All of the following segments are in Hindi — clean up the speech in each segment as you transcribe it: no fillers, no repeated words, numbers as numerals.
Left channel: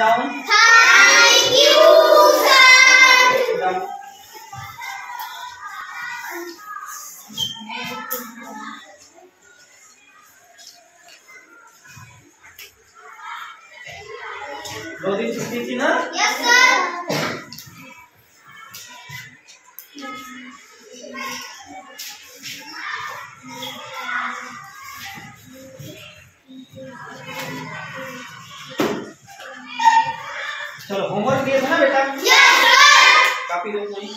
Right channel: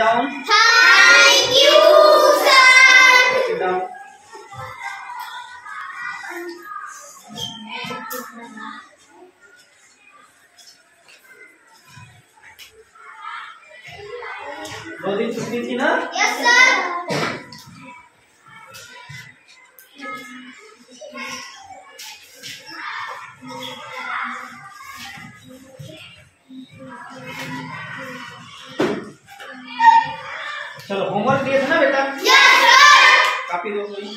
Down. Thank you sir. Sit down. दो दिन छुट्टी थी ना? Yes sir. चलो होमवर्क दिए थे ना बेटा? Yes sir. कॉपी दो कोई।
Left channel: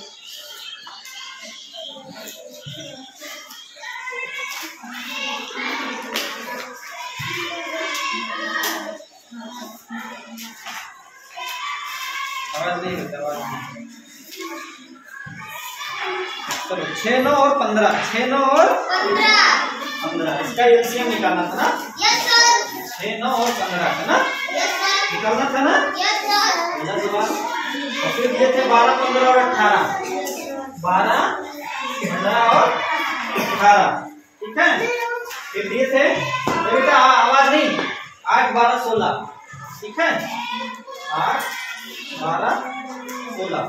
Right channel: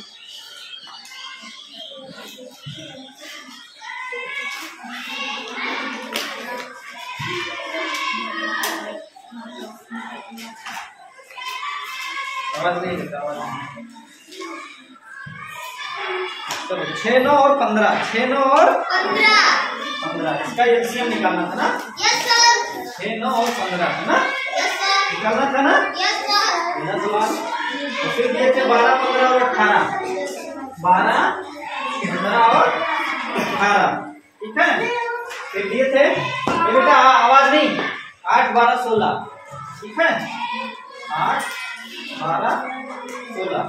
आवाज नहीं करता, आवाज नहीं। चलो 6, 9 और 15, 6, 9 और 15 इसका एलसीएम निकालना था ना? Yes sir. 6, 9 और 15 था ना? Yes sir. निकालना था ना? Yes sir. पहला सवाल। और फिर दिए थे 12, 15 और 18, 12, 15 और 18, ठीक है। फिर दिए थे बेटा आवाज नहीं, 8, 12, 16, ठीक है, 8, 12, 16।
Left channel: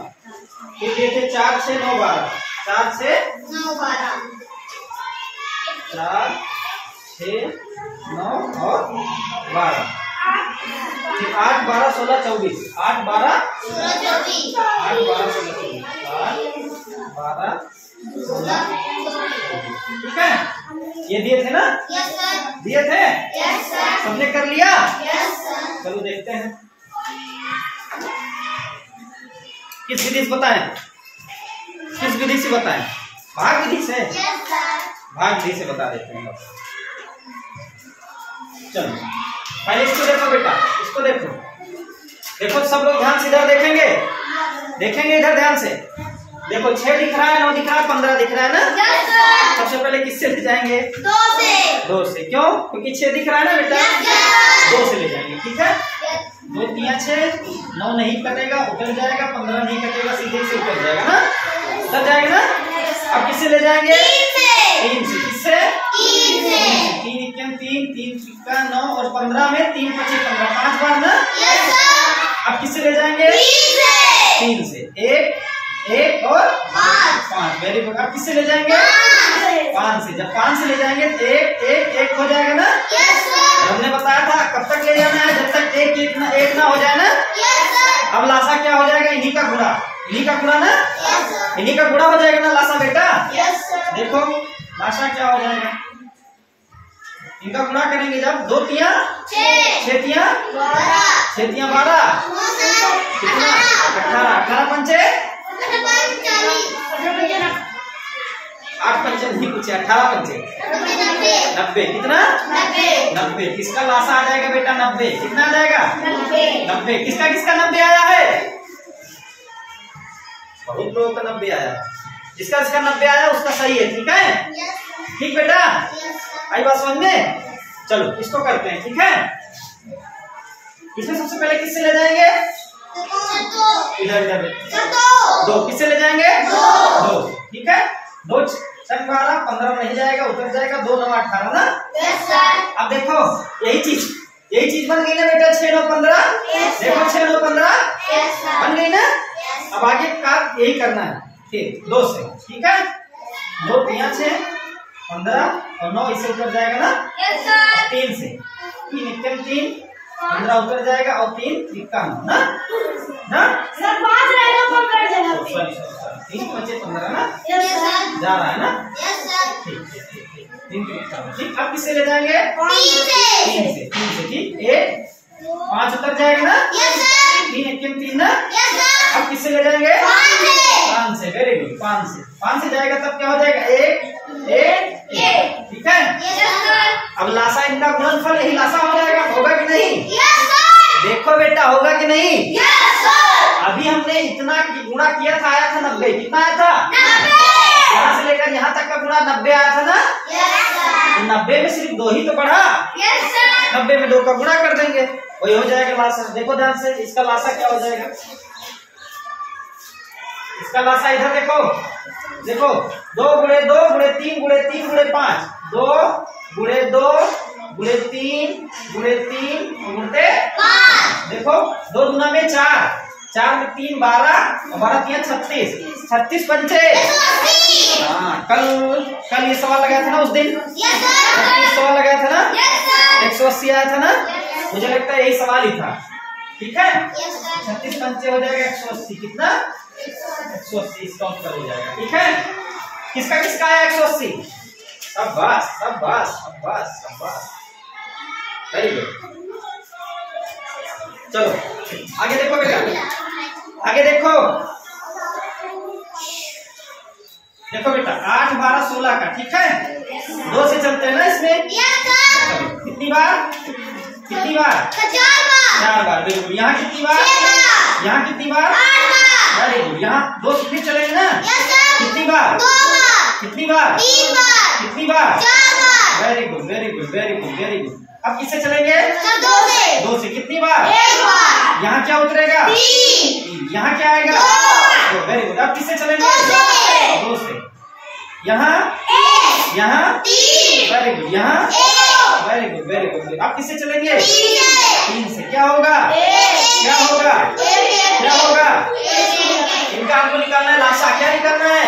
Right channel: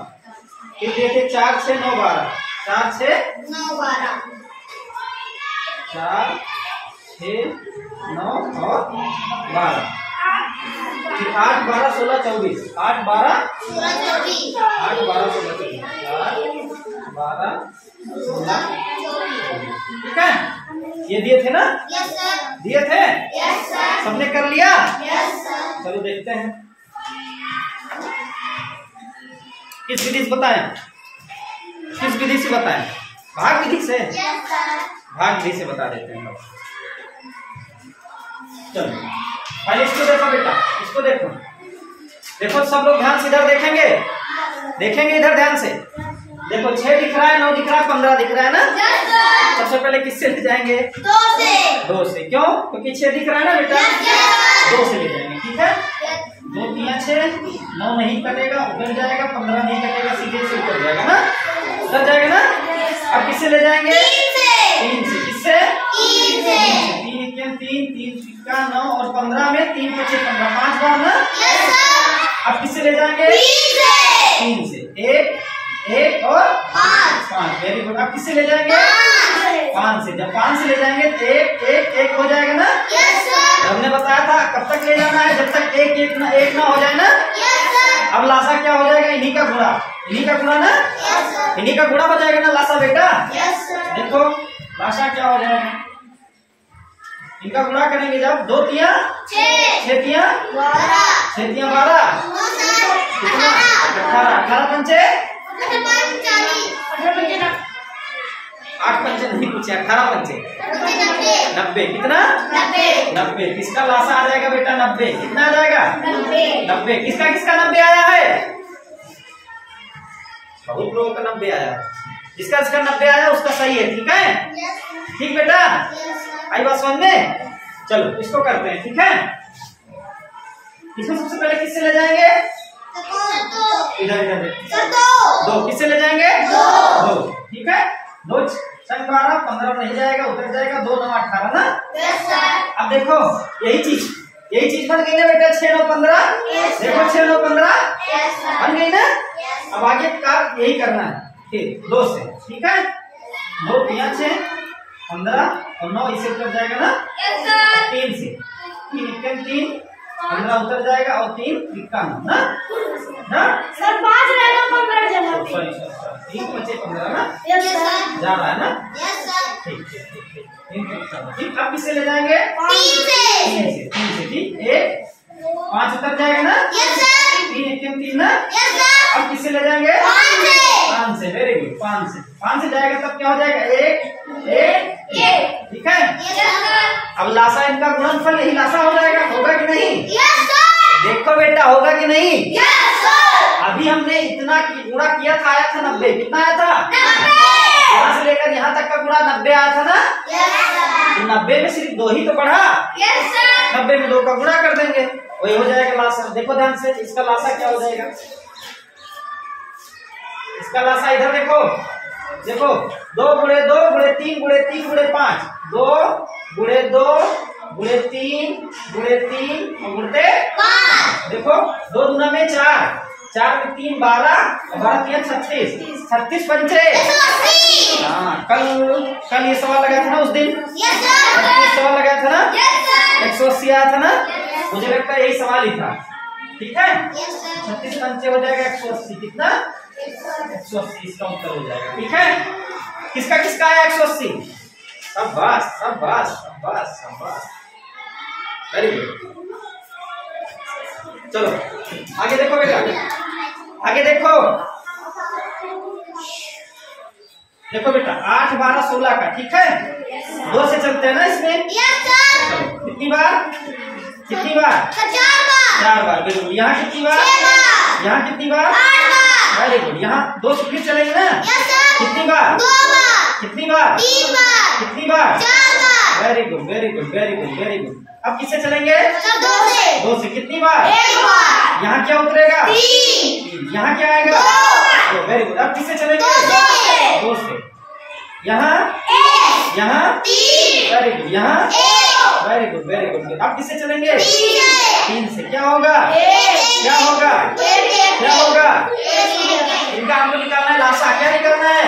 फिर दिए थे 4, 6, 9, 12, 4, 6, 9, 12, 4, 6, 9 और 12। फिर 8, 12, 16, 24, 8, 12, 24, 8, 12, 16, 24, 8, 12, 16, ठीक है। ये दिए थे ना? Yes sir. दिए थे? Yes sir. सबने कर लिया? Yes sir. चलो देखते हैं किस विधि से बताएं, किस विधि से बताएं? भाग विधि से? Yes sir. भाग विधि से बता देते हैं। चलो पहले इसको देखो बेटा, इसको देखो, देखो सब लोग ध्यान से इधर देखेंगे, देखेंगे इधर ध्यान से। देखो 6 दिख रहा है, 9 दिख रहा है, 15 दिख रहा है ना? Yes sir. सबसे पहले किससे ले जाएंगे? 2 से। 2 से। क्यों? क्योंकि 6 दिख रहा है ना बेटा? Yes sir. 2 से ले जाएंगे, ठीक है। 2 3 6, 9 नहीं कटेगा, उतर जाएगा, 15 नहीं कटेगा, सीधे से उतर जाएगा ना, उतर जाएगा ना। अब किससे ले जाएंगे? 3 से। 3 से। किससे? 3 से। 3 1 3, 3 सिक्का 9 और 15 में 3 5 15, 5 बार ना। Yes sir. अब किससे ले जाएंगे? 3 से। 3 से। 1 1 और 5, वेरी गुड। अब किससे ले जाएंगे? 5 से। जब 5 से ले जाएंगे तो 1 1 1 हो जाएगा ना? Yes sir. हमने बताया था कब तक ले जाना है, जब तक 1 1 ना हो जाए ना। Yes sir. अब लासा क्या हो जाएगा? इन्हीं का गुणा, इन्हीं का गुणा ना, यस सर। इन्हीं का गुणा हो जाएगा ना लासा बेटा। Yes sir. देखो लासा क्या हो जाएगा, इनका गुणा करेंगे जब 2 3 6, 6 3 12, 6 3 12, कितना? 18, 18 पंचे 8 पंचे नहीं पूछे, 18 पंचे 90, कितना? 90। किसका लासा आ जाएगा बेटा? 90। कितना आ जाएगा? 90। किसका किसका 90 आया है? बहुत लोगों का 90 आया है। जिसका जिसका 90 आया उसका सही है, ठीक है। ठीक बेटा, आई बात समझ में? चलो इसको करते हैं, ठीक है। इसमें सबसे पहले किससे ले जाएंगे? इधर इधर 2। किससे ले जाएंगे? 2, ठीक है। 2 6 12, 15 नहीं जाएगा, उतर जाएगा, 2 9 18 ना। Yes sir. अब देखो यही चीज बन गई ना बेटा, 6 9 15। देखो 6 9 15 यस सर। बन गई ना। अब आगे का यही करना है, ठीक 2 से, ठीक है। 2 3 6 15 और 9 इससे उतर जाएगा ना। Yes sir. 3 से। 3 1 3, 15 उतर जाएगा और 3 3 ना ना। सर 5 रहेगा तो उतर जाएगा। सॉरी 3 5 15 ना। Yes sir. जा रहा है ना। Yes sir. ठीक। 3 ठीक। अब किससे ले जाएंगे? 3 से। 3 से ठीक। 1 5 उतर जाएगा ना। Yes sir. 3 1 3 ना। Yes sir. अब किससे ले जाएंगे? 5 से। वेरी गुड, 5 से जाएगा तब क्या हो जाएगा? 1 1 1, ठीक है। Yes sir. अब लासा इनका गुणनफल यही लासा हो जाएगा, होगा कि नहीं? Yes sir. देखो बेटा होगा कि नहीं? Yes sir. अभी हमने इतना गुणा किया था, आया था 90। कितना आया था? 90। यहाँ से लेकर यहाँ तक का गुणा 90 आया था ना। Yes sir. 90 में सिर्फ 2 ही तो बढ़ा। Yes sir. 90 में 2 का गुणा कर देंगे, वही हो जाएगा लासा। देखो ध्यान से, इसका लासा क्या हो जाएगा? इसका लासा इधर देखो, देखो 2 गुणे 2 गुणे 3 गुणे 3 गुणे 5, 2 गुणे 2 गुणे 3 गुणे 3 गुणते 5। देखो 2 दूना में 4, 4 में 3 12 और 12 3 36, 36 पंचे। हाँ, कल ये सवाल लगाया था ना उस दिन, 36 सवाल लगाया था ना, 180 आया था ना, मुझे लगता है यही सवाल ही था। ठीक है, 36 पंचे हो जाएगा 180, कितना 180, इसका उत्तर हो जाएगा। ठीक है, किसका किसका आया 180? शाबाश शाबाश शाबाश शाबाश, वेरी गुड। चलो आगे देखो बेटा, आगे देखो, देखो बेटा 8 12 16 का। ठीक है, 2 से चलते हैं ना इसमें। चलो कितनी बार, कितनी बार? 4 बार, बिल्कुल। यहाँ कितनी बार? यहाँ कितनी बार? Very good. यहाँ 2 से फिर चलेंगे ना, कितनी बार? कितनी बार? कितनी बार? Very good very good very good very good. अब किससे चलेंगे? 2 से। कितनी बार? यहाँ क्या उतरेगा? 3। यहाँ क्या आएगा? 2। Very good. अब किससे चलेंगे? 2 से। यहाँ, यहाँ वेरी गुड, यहाँ वेरी गुड वेरी गुड। अब किससे चलेंगे? 3 से। क्या होगा? क्या होगा? क्या होगा? इनका आपको निकालना है लासा। क्या निकालना है?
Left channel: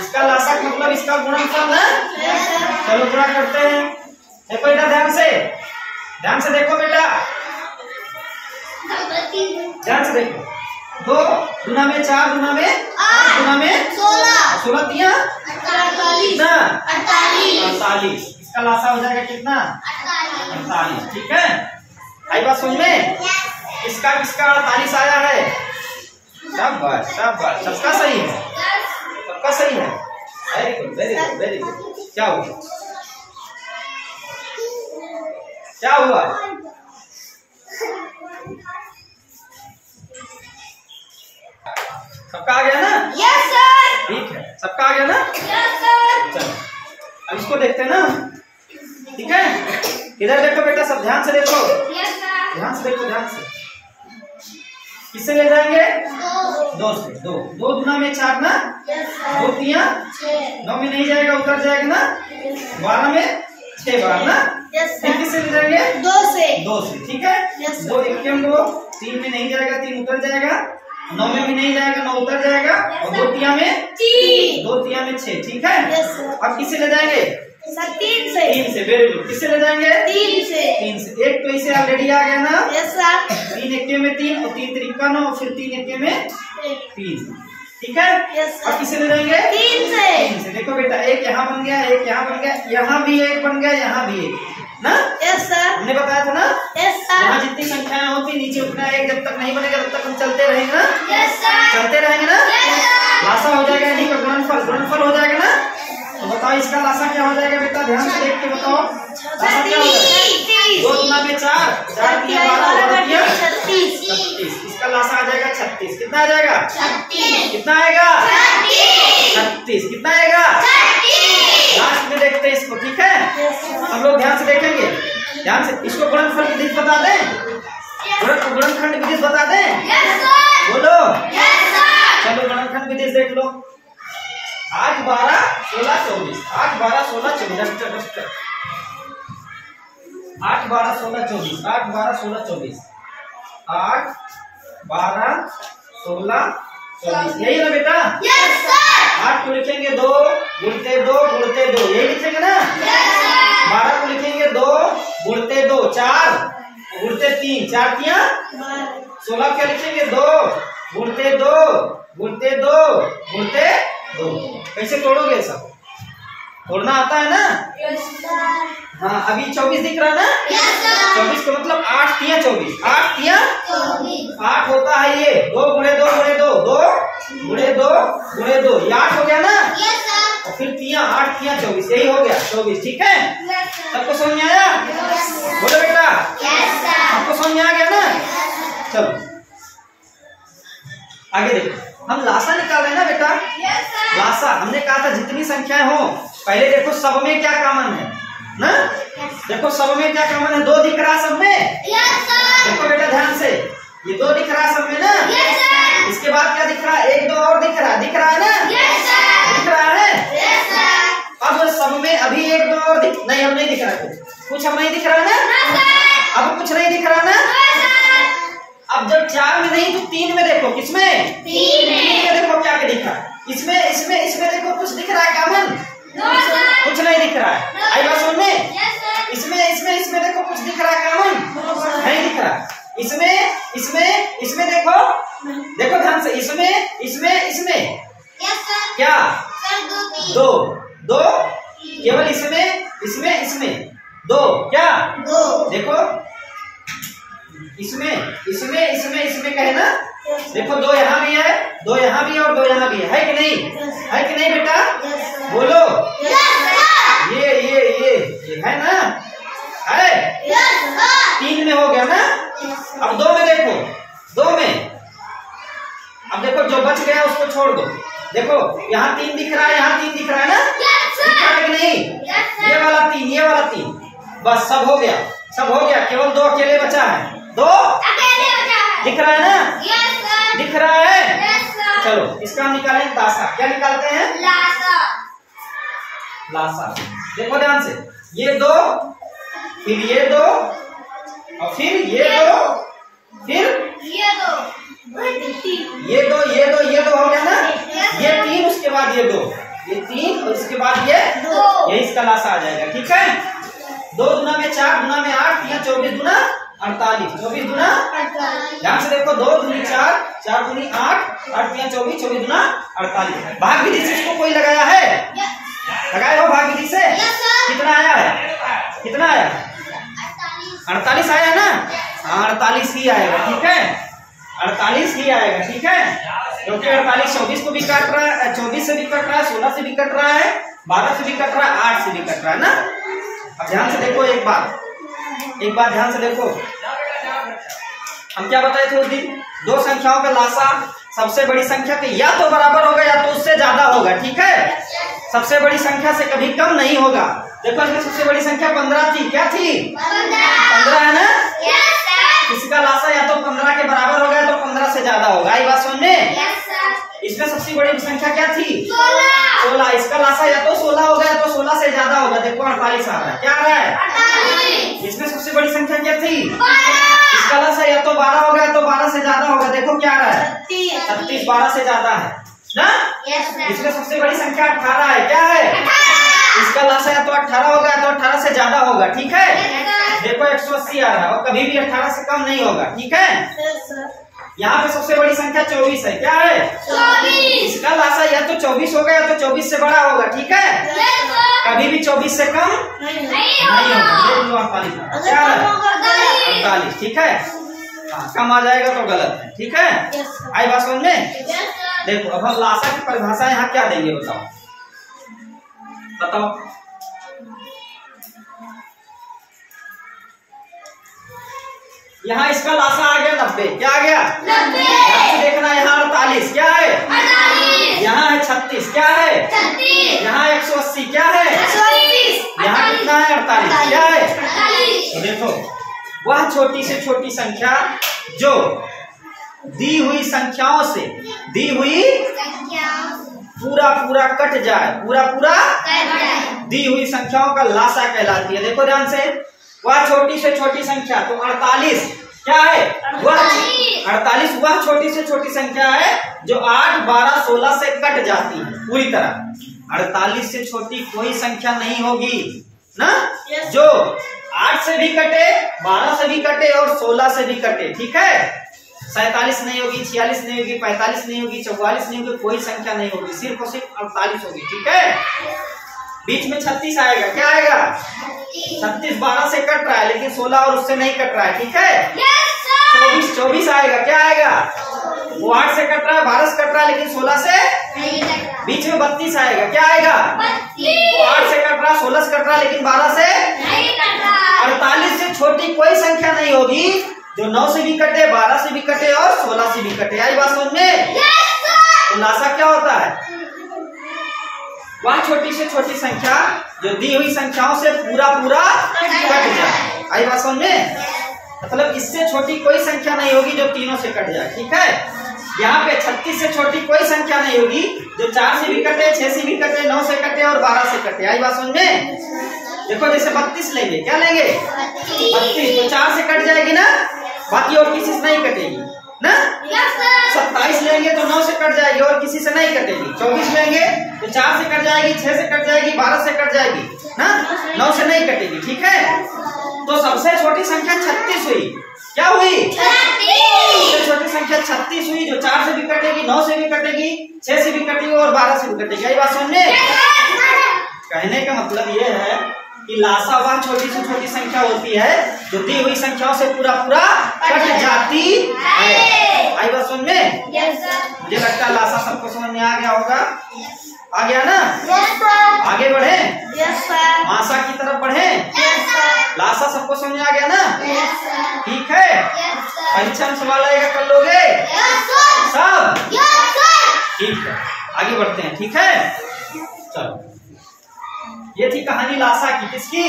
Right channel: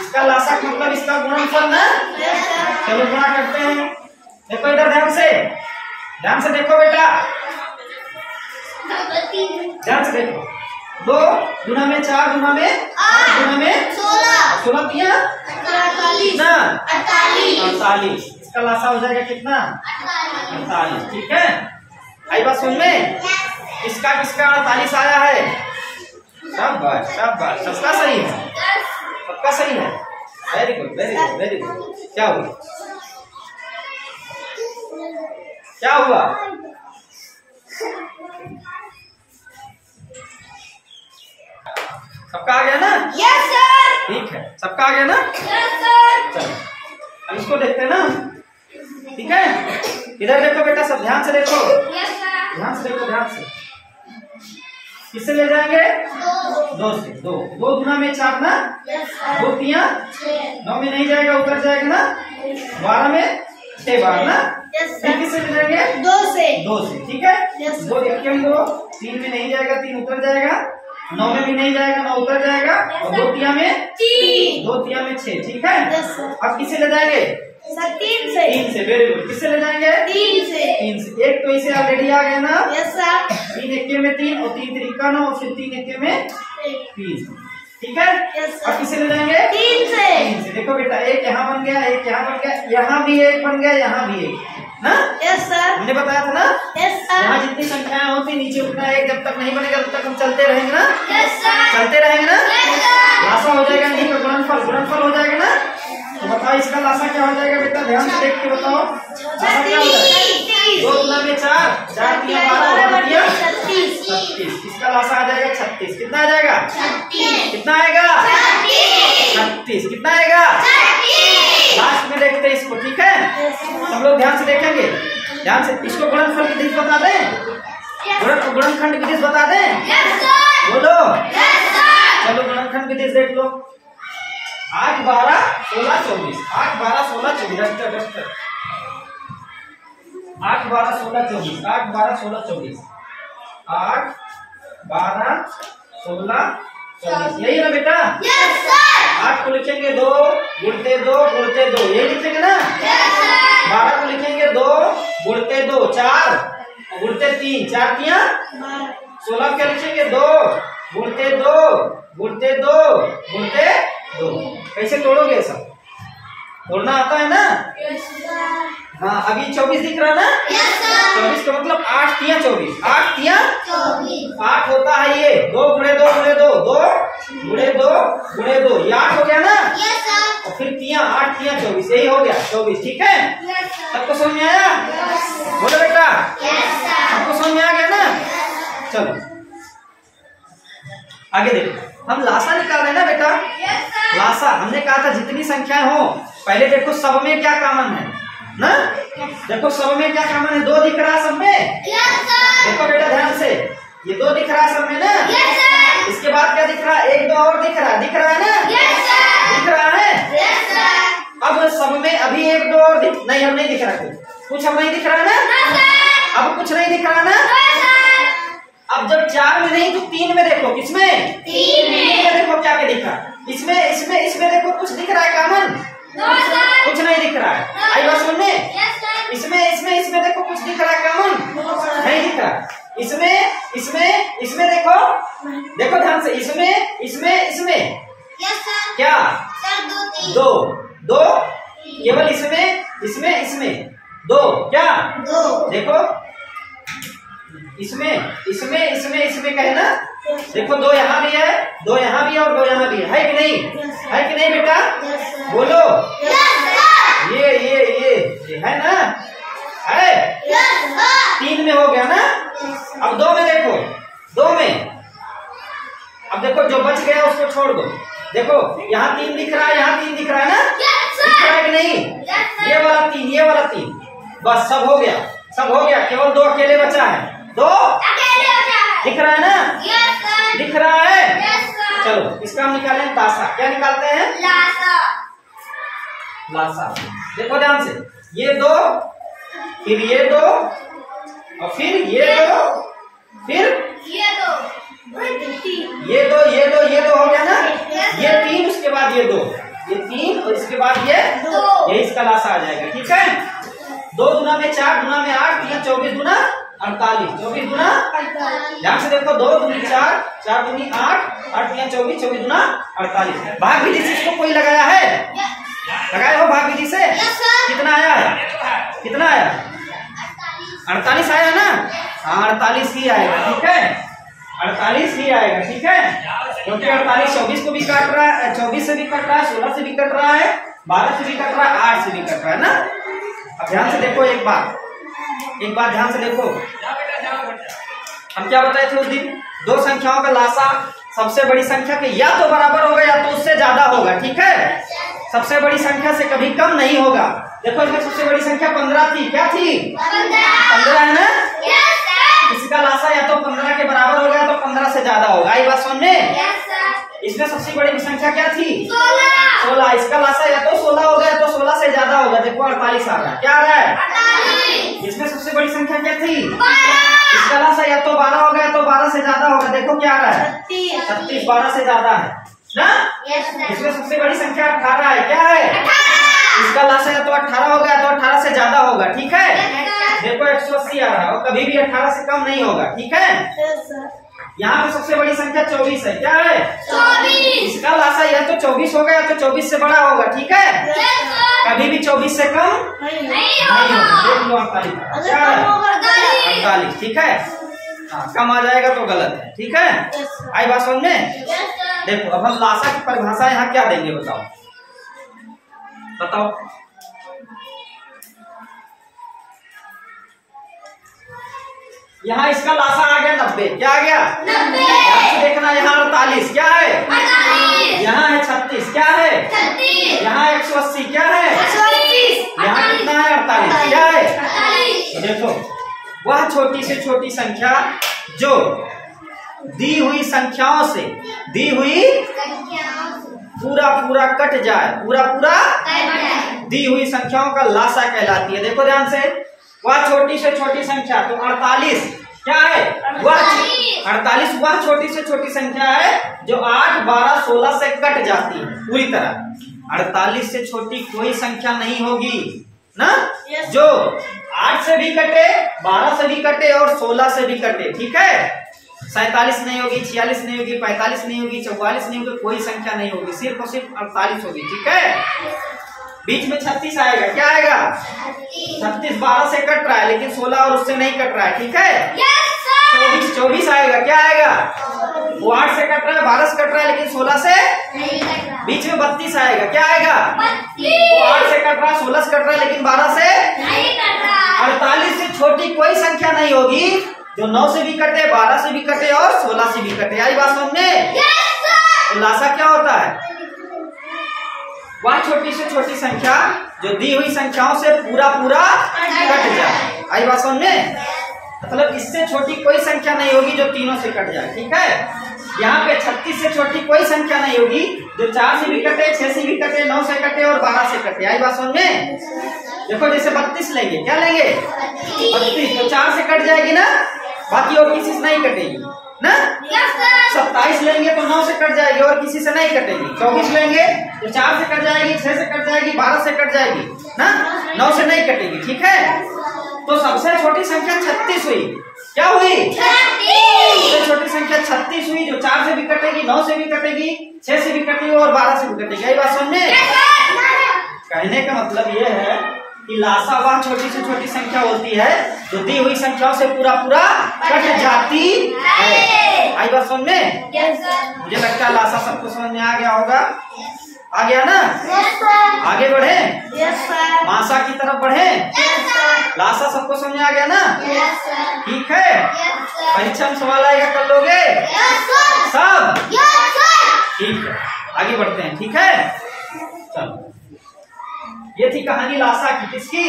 इसका लासा मतलब इसका गुणनफल ना। चलो गुणा करते हैं। देखो इधर ध्यान से, ध्यान से देखो बेटा, ध्यान से देखो। 2 गुना में 4 गुना में 8 गुना में 16 3 48। इसका लासा हो जाएगा कितना? 48। ठीक है, आई बात समझ में? इसका किसका 48 आया है? शाबाश शाबाश, सबका सही है, सबका सही है। Very good very good very good. क्या हुआ? क्या हुआ? सबका आ गया ना? Yes sir. ठीक है, सबका आ गया ना? Yes sir. चलो अब इसको देखते हैं ना। ठीक है, इधर देखो बेटा, सब ध्यान से देखो, यस सर। ध्यान से देखो, ध्यान से। किससे ले जाएंगे? 2 से। 2 गुना में 4 ना, 2 3 9 में नहीं जाएगा, उतर जाएगा ना, 12 में 6 बार ना। फिर किससे ले जाएंगे? 2 से। 2 से। ठीक है, Yes, sir. 2 1 2, 3 में नहीं जाएगा, 3 उतर जाएगा, 9 में भी नहीं जाएगा, 9 उतर जाएगा, और 2 3 में 6। ठीक है, Yes, sir. अब किससे ले जाएंगे? 3 से। 3 से। Very good. किससे ले जाएंगे? 3 से। 3 से। एक तो इसे ऑलरेडी आ गया ना, यस सर। 3 1 में 3 और 3 3 9 और फिर 3 1 में 3। ठीक है, Yes, sir. अब किससे ले जाएंगे? 3 से। 3 से। देखो बेटा, एक यहाँ बन गया, एक यहाँ बन गया, यहाँ भी एक बन गया, यहाँ भी एक ना। Yes sir. हमने बताया था ना, यस सर। यहाँ जितनी संख्याएं होती नीचे उतना एक जब तक नहीं बनेगा तब तक हम चलते रहेंगे ना, यस सर। चलते रहेंगे ना। लासा हो जाएगा इन्हीं का गुणनफल, गुणनफल हो जाएगा ना। तो बताओ इसका लासा क्या हो जाएगा बेटा? ध्यान से देख के बताओ, लासा क्या हो जाएगा? 2 गुना में 4, 4 3 12 12 36। इसका लासा आ जाएगा 36। कितना आ जाएगा? 36। कितना आएगा? 36। कितना आएगा? लास्ट में देखते हैं इसको। ठीक है, हम लोग ध्यान से देखेंगे, ध्यान से। इसको गुणनफल विधि बता दें, गुणनखंड विधि बता दें, बोलो। चलो गुणनखंड विधि देख लो। 8 12 16 24, 8 12 16 24, 8 12 16 24, 8 12 16 24, 8 12 16 24, यही है ना बेटा? 8 को लिखेंगे 2 गुणते 2 गुणते 2, यही लिखेंगे ना। 12 को लिखेंगे 2 गुणते 2, 4 गुणते 3, 4 3 16 क्या लिखेंगे? 2 गुणते 2 गुणते 2 गुणते 2। कैसे तोड़ोगे? सब तोड़ना आता है ना? हाँ, अभी 24 दिख रहा ना? 24 का मतलब 8 3 24, 8 3 8 होता है ये। 2 गुणे 2 गुणे 2, 2 गुणे 2 गुणे 2, ये 8 हो गया ना। और फिर 3 8 3 24, यही हो गया 24। ठीक है, सबको समझ में आया? बोलो बेटा, सबको समझ में आ गया ना? चलो आगे देखो, हम लासा निकाल रहे हैं ना बेटा। लासा हमने कहा था जितनी संख्याएं हो, पहले देखो सब में क्या कॉमन है ना। देखो सब में क्या कॉमन है? 2 दिख रहा सब में। देखो बेटा ध्यान से, ये 2 दिख रहा सब में ना। इसके बाद क्या दिख रहा है? 1 2 और दिख रहा है ना, दिख रहा है। अब सब में अभी 1 2 और नहीं, अब नहीं दिख रहा कुछ, हम नहीं दिख रहा ना। अब कुछ नहीं दिख रहा ना, अब जब 4 में नहीं तो 3 में देखो, किसमें? 3 में देखो क्या क्या दिख रहा है। इसमें देखो कुछ दिख रहा है कॉमन? कुछ नहीं दिख रहा है। आई बात समझ में? इसमें देखो कुछ दिख रहा है कॉमन? नहीं दिख रहा। इसमें देखो ध्यान से, इसमें क्या? दो केवल इसमें दो क्या? देखो इसमें कहे ना, देखो 2 यहाँ भी है, 2 यहाँ भी है और 2 यहाँ भी है कि नहीं? है कि नहीं बेटा? बोलो। ये है ना? है? 3 में हो गया ना? अब 2 में देखो, 2 में अब देखो जो बच गया उसको छोड़ दो। देखो यहाँ 3 दिख रहा है, यहाँ 3 दिख रहा है ना? दिख रहा है कि नहीं? ये वाला 3 बस सब हो गया, केवल 2 अकेले बचा है। 2 दिख रहा है ना? दिख रहा है। चलो इसका हम निकालें तासा। क्या निकालते हैं? लासा। देखो ध्यान से, ये 2 फिर ये 2 और फिर ये 2 फिर ये 2 हो गया ना? ये 3 उसके बाद ये 2, ये 3 और इसके बाद ये 2, यही इसका लासा आ जाएगा। ठीक है? 2 दूना में 4, दूना में 8, 3 24 दूना 48, 24 दूना। ध्यान से देखो, 2 दूनी 4, 4 दूनी 8, 8 3 24, 24 दूना 48। भाग विधि से इसको कोई लगाया है? लगाए हो भाग विधि से? कितना आया है? 48 आया है ना? हाँ 48 ही आएगा। ठीक है? 48 ही आएगा। ठीक है? क्योंकि 48 24 को भी काट रहा है, 24 से भी कट रहा है, 16 से भी कट रहा है, 12 से भी कट रहा है, 8 से भी कट रहा है ना? अब ध्यान से देखो, एक बार ध्यान से देखो, हम क्या बताए थे उस दिन? 2 संख्याओं का लासा सबसे बड़ी संख्या के या तो बराबर होगा या तो उससे ज्यादा होगा। ठीक है? सबसे बड़ी संख्या से कभी कम नहीं होगा। देखो इसमें सबसे बड़ी संख्या 15 थी। क्या थी? 15 है ना? किसी का लासा या तो 15 के बराबर होगा या तो 15 से ज्यादा होगा। आई बात समझ में? इसमें सबसे बड़ी संख्या क्या थी? 16। इसका लासा या तो 16 होगा या तो 16 से ज्यादा होगा। देखो 48 आ रहा है। क्या आ रहा है? इसमें सबसे बड़ी संख्या क्या थी? इसका लासा या तो 12 होगा या तो 12 से ज्यादा होगा। देखो क्या आ रहा है? 36 12 से ज्यादा है ना? इसमें सबसे बड़ी संख्या 18 है। क्या है? इसका लासा या तो 18 होगा या तो 18 से ज्यादा होगा। ठीक है? देखो 180 आ रहा है और कभी भी 18 से कम नहीं होगा। ठीक है? यहाँ पे सबसे बड़ी संख्या 24 है। क्या है? 24। इसका लासा या तो 24 होगा या तो 24 से बड़ा होगा। ठीक है? कभी भी 24 से कम नहीं होगा। देख लो 48 क्या है? 48। ठीक है? हाँ कम आ जाएगा तो गलत है। ठीक है? आई बात समझ में? देखो अब हम लासा की परिभाषा यहाँ क्या देंगे बताओ। यहाँ इसका लासा आ गया 90। क्या आ गया? 90। देखना यहाँ 48 क्या है? 48। यहाँ है 36 क्या है? 36। यहाँ 180 क्या है? 180। यहाँ कितना है? 48 क्या है? 48। तो देखो वह छोटी से छोटी संख्या जो दी हुई संख्याओं से पूरा कट जाए, पूरा दी हुई संख्याओं का लासा कहलाती है। देखो ध्यान से, वह छोटी से छोटी संख्या तो 48 क्या है? वह 48 वह छोटी से छोटी संख्या है जो 8 12 16 से कट जाती है पूरी तरह। 48 से छोटी कोई संख्या नहीं होगी ना, जो 8 से भी कटे, 12 से भी कटे और 16 से भी कटे। ठीक है? 47 नहीं होगी, 46 नहीं होगी, 45 नहीं होगी, 44 नहीं होगी, कोई संख्या नहीं होगी, सिर्फ और सिर्फ 48 होगी। ठीक है? बीच में 36 आएगा। क्या आएगा? 36 12 से कट रहा है लेकिन 16 और उससे नहीं कट रहा है। ठीक है? 24 आएगा। क्या आएगा? वो 8 से कट रहा है, 12 से कट रहा है लेकिन 16 से बीच में 32 आएगा। क्या आएगा? वो 8 से कट रहा है, 16 से कट रहा है लेकिन 12 से 48 से छोटी कोई संख्या नहीं होगी जो 9 से भी कटे, 12 से भी कटे और 16 से भी कटे। आई बात समझ में? तो लासा क्या होता है? वह छोटी से छोटी संख्या जो दी हुई संख्याओं से पूरा कट जाए। आई बात समझ में? मतलब इससे छोटी कोई संख्या नहीं होगी जो तीनों से कट जाए। ठीक है? यहाँ पे 36 से छोटी कोई संख्या नहीं होगी जो 4 से भी कटे, 6 से भी कटे, 9 से कटे और 12 से कटे। आई बात समझ में? देखो जैसे 32 लेंगे, क्या लेंगे? 32 तो 4 से कट जाएगी ना, बाकी और किसी से नहीं कटेगी ना। 27 लेंगे तो 9 से कट जाएगी और किसी से नहीं कटेगी। 24 लेंगे तो 4 से कट जाएगी, 6 से कट जाएगी, 12 से कट जाएगी ना, 9 से नहीं कटेगी। ठीक है, तो सबसे छोटी संख्या 36 हुई। क्या हुई? सबसे छोटी संख्या 36 हुई, जो 4 से भी कटेगी, 9 से भी कटेगी, 6 से भी कटेगी और 12 से भी कटेगी। यही बात समझ में? कहने का मतलब ये है कि लासा वह छोटी से छोटी संख्या होती है जो दी हुई संख्याओं से पूरा पूरा कट जाती है। आई बात समझ में? मुझे लगता है लासा सबको समझ में आ गया होगा। आ गया ना? आगे बढ़े, मासा की तरफ बढ़े। लासा सबको समझ में आ गया ना? ठीक है, परीक्षा में सवाल आएगा, कर लोगे सब? ठीक है, आगे बढ़ते हैं। ठीक है, चलो, ये थी कहानी लासा की। किसकी?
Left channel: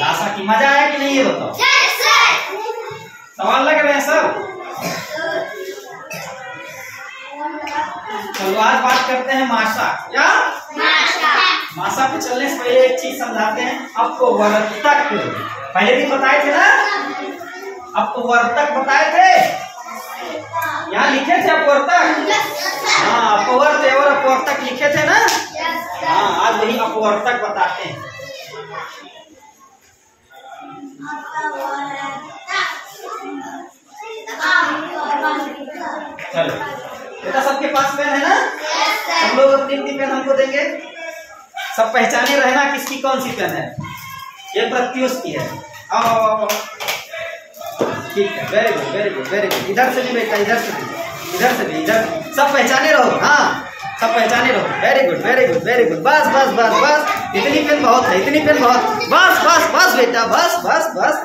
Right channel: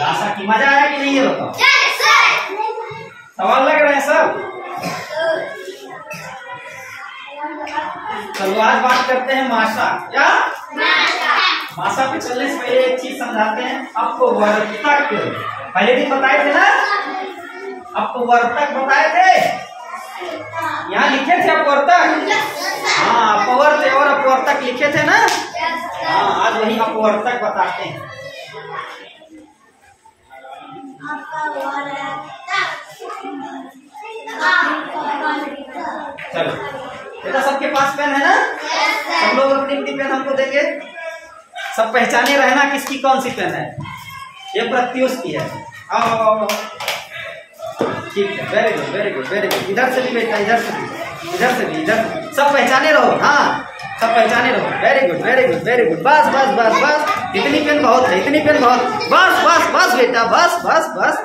लासा की। मजा आया कि नहीं ये बताओ? सवाल लग रहे हैं सब? चलो आज बात करते हैं मासा। क्या? मासा पे चलने से पहले एक चीज समझाते हैं आपको। वर्तक पहले भी बताए थे ना, आपको वर्तक बताए थे, यहाँ लिखे थे अपवर्तक। हाँ, अपवर्त और अपवर्तक लिखे थे ना। हाँ, आज वही अपवर्तक बताते हैं। चलो बेटा, सबके पास पेन है ना? सब लोग अपनी अपनी पेन हमको देंगे। सब पहचाने रहना किसकी कौन सी पेन है। ये प्रत्युष की है। आओ, ठीक है, very good very good very good. इधर से भी बेटा, इधर से भी, इधर से भी, इधर, सब पहचाने रहो। हाँ, सब पहचाने रहो। Very good very good very good. बस बस बस बस, इतनी पेन बहुत है, इतनी पेन बहुत। बस बस बस बेटा, बस बस बस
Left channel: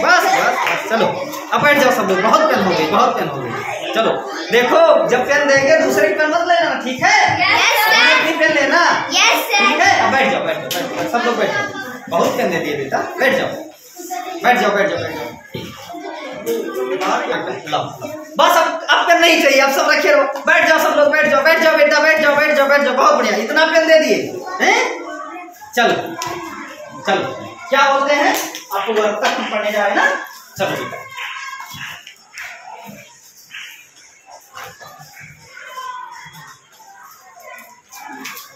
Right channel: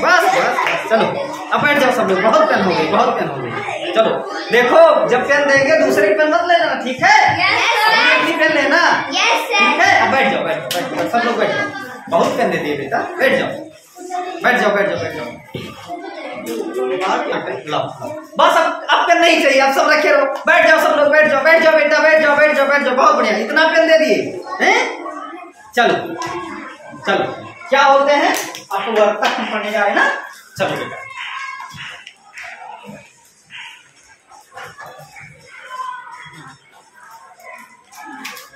बस बस। चलो अब बैठ जाओ सब लोग। बहुत पेन हो गई, बहुत पेन हो गई। चलो देखो, जब पेन देंगे दूसरे की पेन मत लेना, ठीक है? अपनी पेन लेना, ठीक है? अब बैठ जाओ, बैठ जाओ, बैठ जाओ, सब लोग बैठ जाओ। बहुत पेन दे दिए बेटा, बैठ जाओ, बैठ जाओ, बैठ जाओ, बैठ जाओ। बस अब पेन नहीं चाहिए, अब सब रखे रहो। बैठ जाओ सब लोग, बैठ जाओ, बैठ जाओ बेटा, बैठ जाओ, बैठ जाओ, बैठ जाओ। बहुत बढ़िया, इतना पेन दे दिए हैं। चलो चलो, क्या बोलते हैं? अपवर्तक पढ़ने जाए ना। चलो बेटा,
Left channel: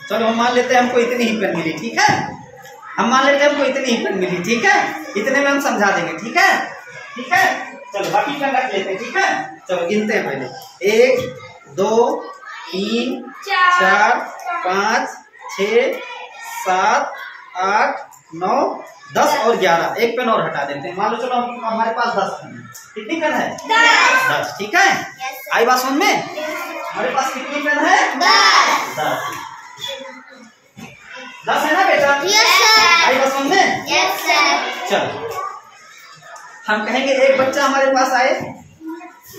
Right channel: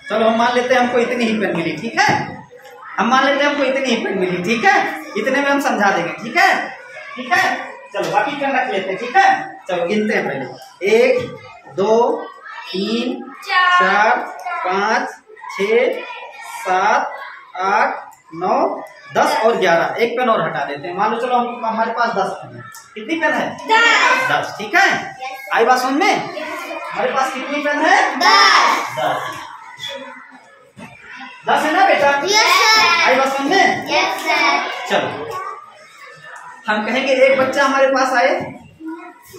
चलो हम मान लेते हैं हमको इतनी ही पेन मिली। ठीक है, हम मान लेते हैं हमको इतनी ही पेन मिली। ठीक है, इतने में हम समझा देंगे। ठीक है, ठीक है। चलो बाकी पेन रख लेते हैं। ठीक है, चलो गिनते हैं पहले। 1 2 3 4 5 6 7 8 9 10 और 11। एक पेन और हटा देते हैं। मान लो चलो हमारे पास 10 पेन है। कितनी पेन है? 10। ठीक है, आई बात समझ में? हमारे पास कितनी पेन है? 10। 10 है ना बेटा? आई बात समझ में? चलो हम कहेंगे एक बच्चा हमारे पास आए।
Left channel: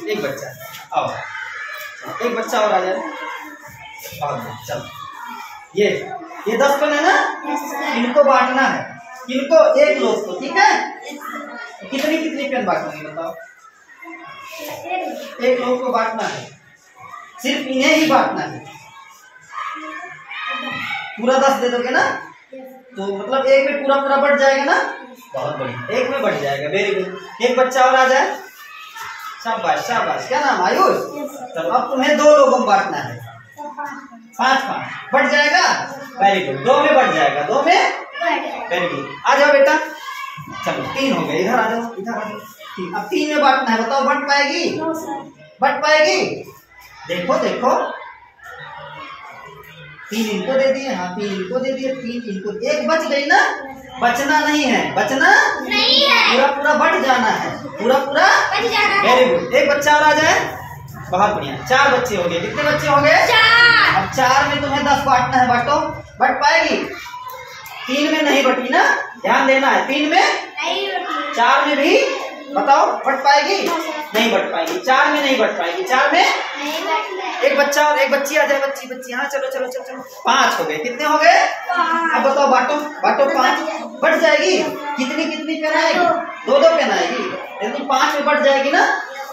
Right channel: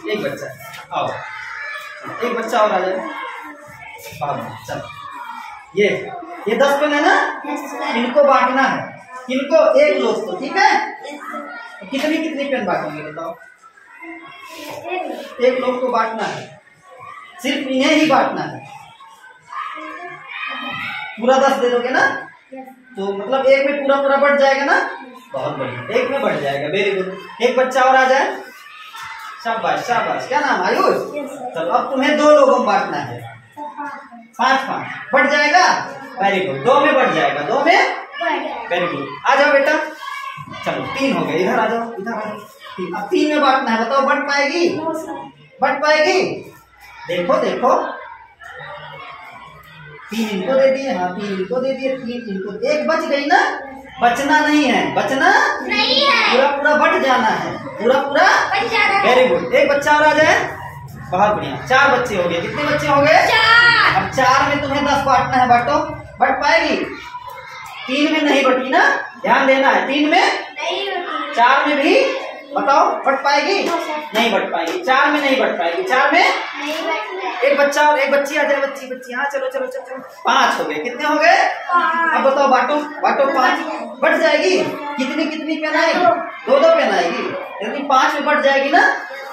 एक बच्चा आओ, एक बच्चा और आ जाए। चलो ये 10 पेन है ना, इनको बांटना है। इनको एक लोग को। ठीक है, तो कितनी कितनी पेन बांटेंगे बताओ? एक लोग को बांटना है, सिर्फ इन्हें ही बांटना है। पूरा 10 दे दोगे ना, तो मतलब एक में पूरा पूरा बढ़ जाएगा ना। बहुत बढ़िया, एक में बढ़ जाएगा। Very good. एक बच्चा और आ जाए। शाबाश शाबाश। क्या नाम? आयुष। तो अब तुम्हें 2 लोगों में बांटना है। 5-5 बढ़ जाएगा। वेरी गुड, 2 में बढ़ जाएगा, 2 में। वेरी गुड, आ जाओ बेटा। चलो 3 हो गए, इधर आ जाओ, इधर आ जाओ। अब 3 में बांटना है, बताओ बढ़ पाएगी? बढ़ पाएगी? देखो देखो, 3 इनको दे दिए, हाँ 3 इनको दे दिए, 3 इनको, एक बच गई ना। बचना नहीं है, बचना नहीं है, पूरा पूरा बढ़ जाना है, पूरा पूरा बढ़ जाना है। वेरी गुड, एक बच्चा और आ जाए। बहुत बढ़िया, 4 बच्चे हो गए। कितने बच्चे हो गए? 4। अब 4 में तुम्हें 10 बांटना है, बांटो। बढ़ पाएगी? 3 में नहीं बटी ना, ध्यान देना है। 3 में नहीं बटी, 4 में भी बताओ बढ़ पाएगी? नहीं बढ़ पाएगी, 4 में नहीं बढ़ पाएगी, 4 में नहीं। एक बच्चा और एक बच्ची आ जाए, बच्ची। हाँ चलो चलो चलो चलो, 5 हो गए। कितने हो गए? 5। अब बताओ बांटो, बांटो। 5 बढ़ जाएगी। कितनी कितनी पेन आएगी? 2-2 पेन आएगी, यानी 5 में बढ़ जाएगी ना,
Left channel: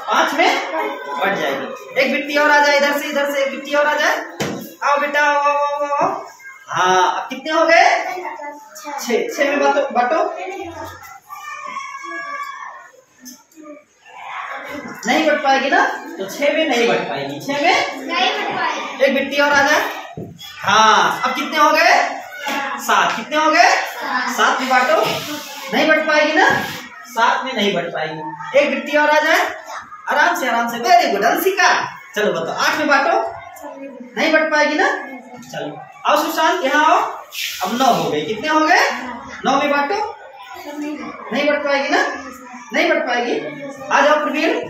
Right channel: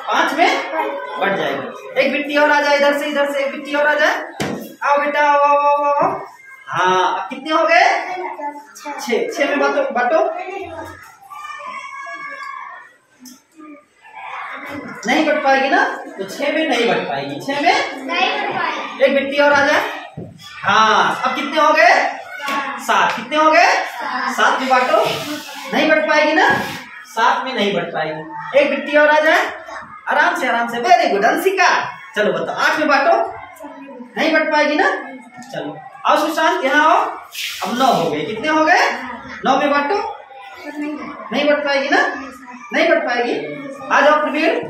5 में बढ़ जाएगी। एक बिट्टी और आ जाए, इधर से एक बिट्टी और आ जाए। आओ बेटा, आओ आओ आओ आओ। हाँ अब कितने हो गए? 6 में बांटो। नहीं बढ़ पाएगी ना, तो 6 में नहीं बढ़ पाएगी। 6 में नहीं बढ़ पाएगी। एक बिट्टी और आ जाए। हाँ, अब कितने हो गए? 7। कितने हो गए? 7 में बांटो। नहीं बढ़ पाएगी ना, 7 में नहीं बढ़ पाएगी। एक बिट्टी और आ जाए। आराम से, वेरी गुड अंशिका। चलो बताओ, 8 में बांटो। नहीं बढ़ पाएगी ना, चलो आओ सुशांत यहाँ आओ। अब 9 हो गए। कितने हो गए? 9 में बांटो। नहीं बढ़ पाएगी ना, नहीं बढ़ पाएगी। आ जाओ प्रवीण।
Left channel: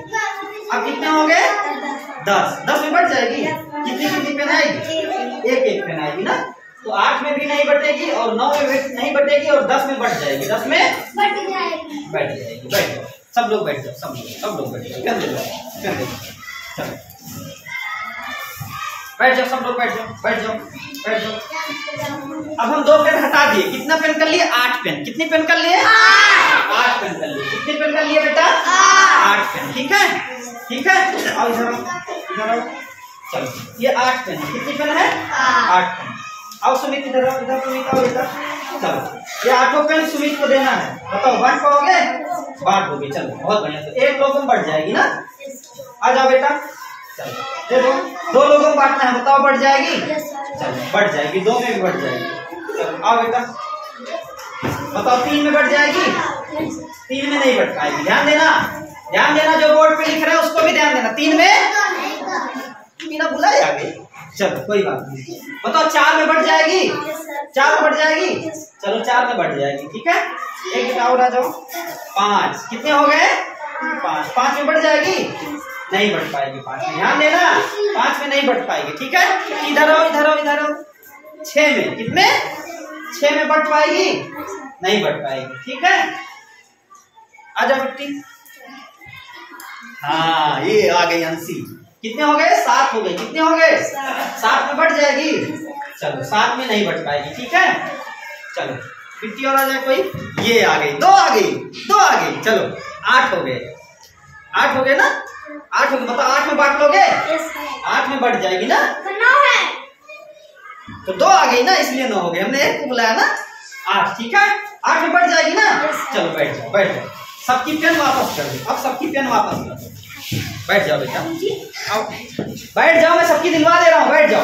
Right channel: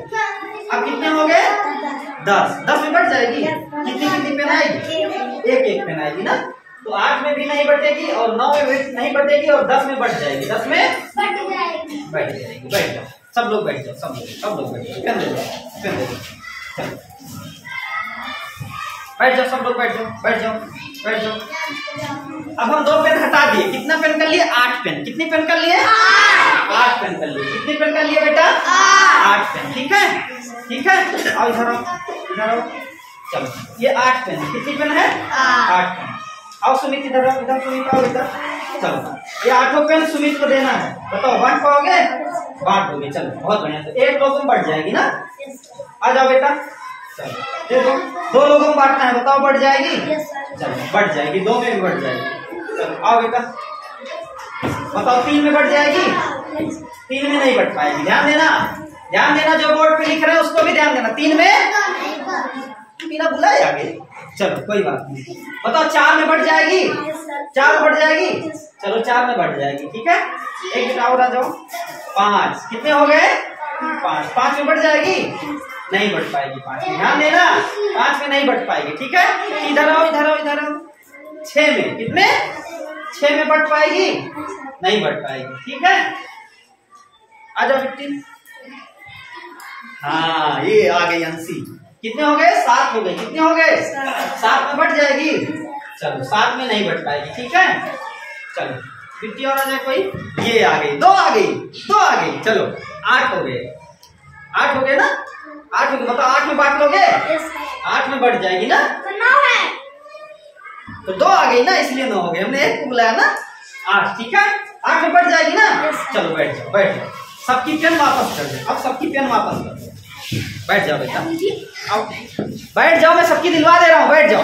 अब कितने हो गए? 10। 10 में बढ़ जाएगी। कितनी पेन आएगी? एक पेन आएगी ना, तो 8 में भी नहीं बढ़ेगी और 9 में भी नहीं बढ़ेगी और 10 में बढ़ जाएगी। 10 में बढ़ जाएगी। बैठ जाओ सब लोग, बैठ जाओ सब लोग बैठ जाओ। पेन दे दो, चलो बैठ जाओ सब लोग, बैठ जाओ। अब हम 2 पेन हटा दिए। कितना पेन कर लिए? 8 पेन। कितनी पेन कर लिए? 8 पेन कर लिए। कितने पेन कर लिए बेटा? 8 पेन। ठीक है। आओ इधर आओ। चलो ये 8 पेन। कितनी पेन है? 8 पेन। आओ सुमित इधर आओ, सुमित आओ इधर। चलो ये 8 पेन सुमित को देना है। बताओ बांट पाओगे? बांट दोगे। चलो बहुत बढ़िया। तो 1 लोगों में बढ़ जाएगी ना। आ जाओ बेटा, चलो दे दो। 2 लोगों में बांटना है। बताओ बढ़ जाएगी? चलो बढ़ जाएगी। 2 में भी बढ़ जाएगी। चलो आओ बेटा, बताओ 3 में बढ़ जाएगी? 3 में नहीं बढ़ पाएगी। ध्यान देना, जो बोर्ड पे लिख रहे हैं उसको भी ध्यान देना। 3 में बिना बुलाए आगे। चलो कोई बात नहीं। बताओ 4 में बढ़ जाएगी? 4 में बढ़ जाएगी। चलो 4 में बढ़ जाएगी। ठीक है। एक बेटा और आ जाओ। 5। कितने हो गए? 5। 5 में बढ़ जाएगी? नहीं बढ़ पाएगी। 5 में ध्यान देना, 5 में नहीं बढ़ पाएगी। ठीक है। इधर आओ। 6 में। कितने? 6 में बढ़ पाएगी? नहीं बढ़ पाएगी। ठीक है। आ जाओ बेटी। हाँ ये आ गई अंशी। कितने हो गए? 7 हो गए। कितने हो गए? 7 में बढ़ जाएगी। चलो 7 में नहीं बढ़ पाएगी। ठीक है। चलो बिट्टी और आ जाए कोई। ये आ गई। 2 आ गई। चलो 8 हो गए। 8 हो गए ना, 8 हो गए। बताओ 8 में बांट लोगे? 8 में बढ़ जाएगी ना, तो 2 आ गई ना, इसलिए 9 हो गए। हमने 1 को बुलाया ना। 8। ठीक है। 8 में बढ़ जाएगी ना। चलो बैठ जाओ। सबकी पेन वापस कर दो। अब सबकी पेन वापस कर दो। बैठ जाओ बेटा, आओ बैठ जाओ। मैं सबकी दिलवा दे रहा हूँ। बैठ जाओ।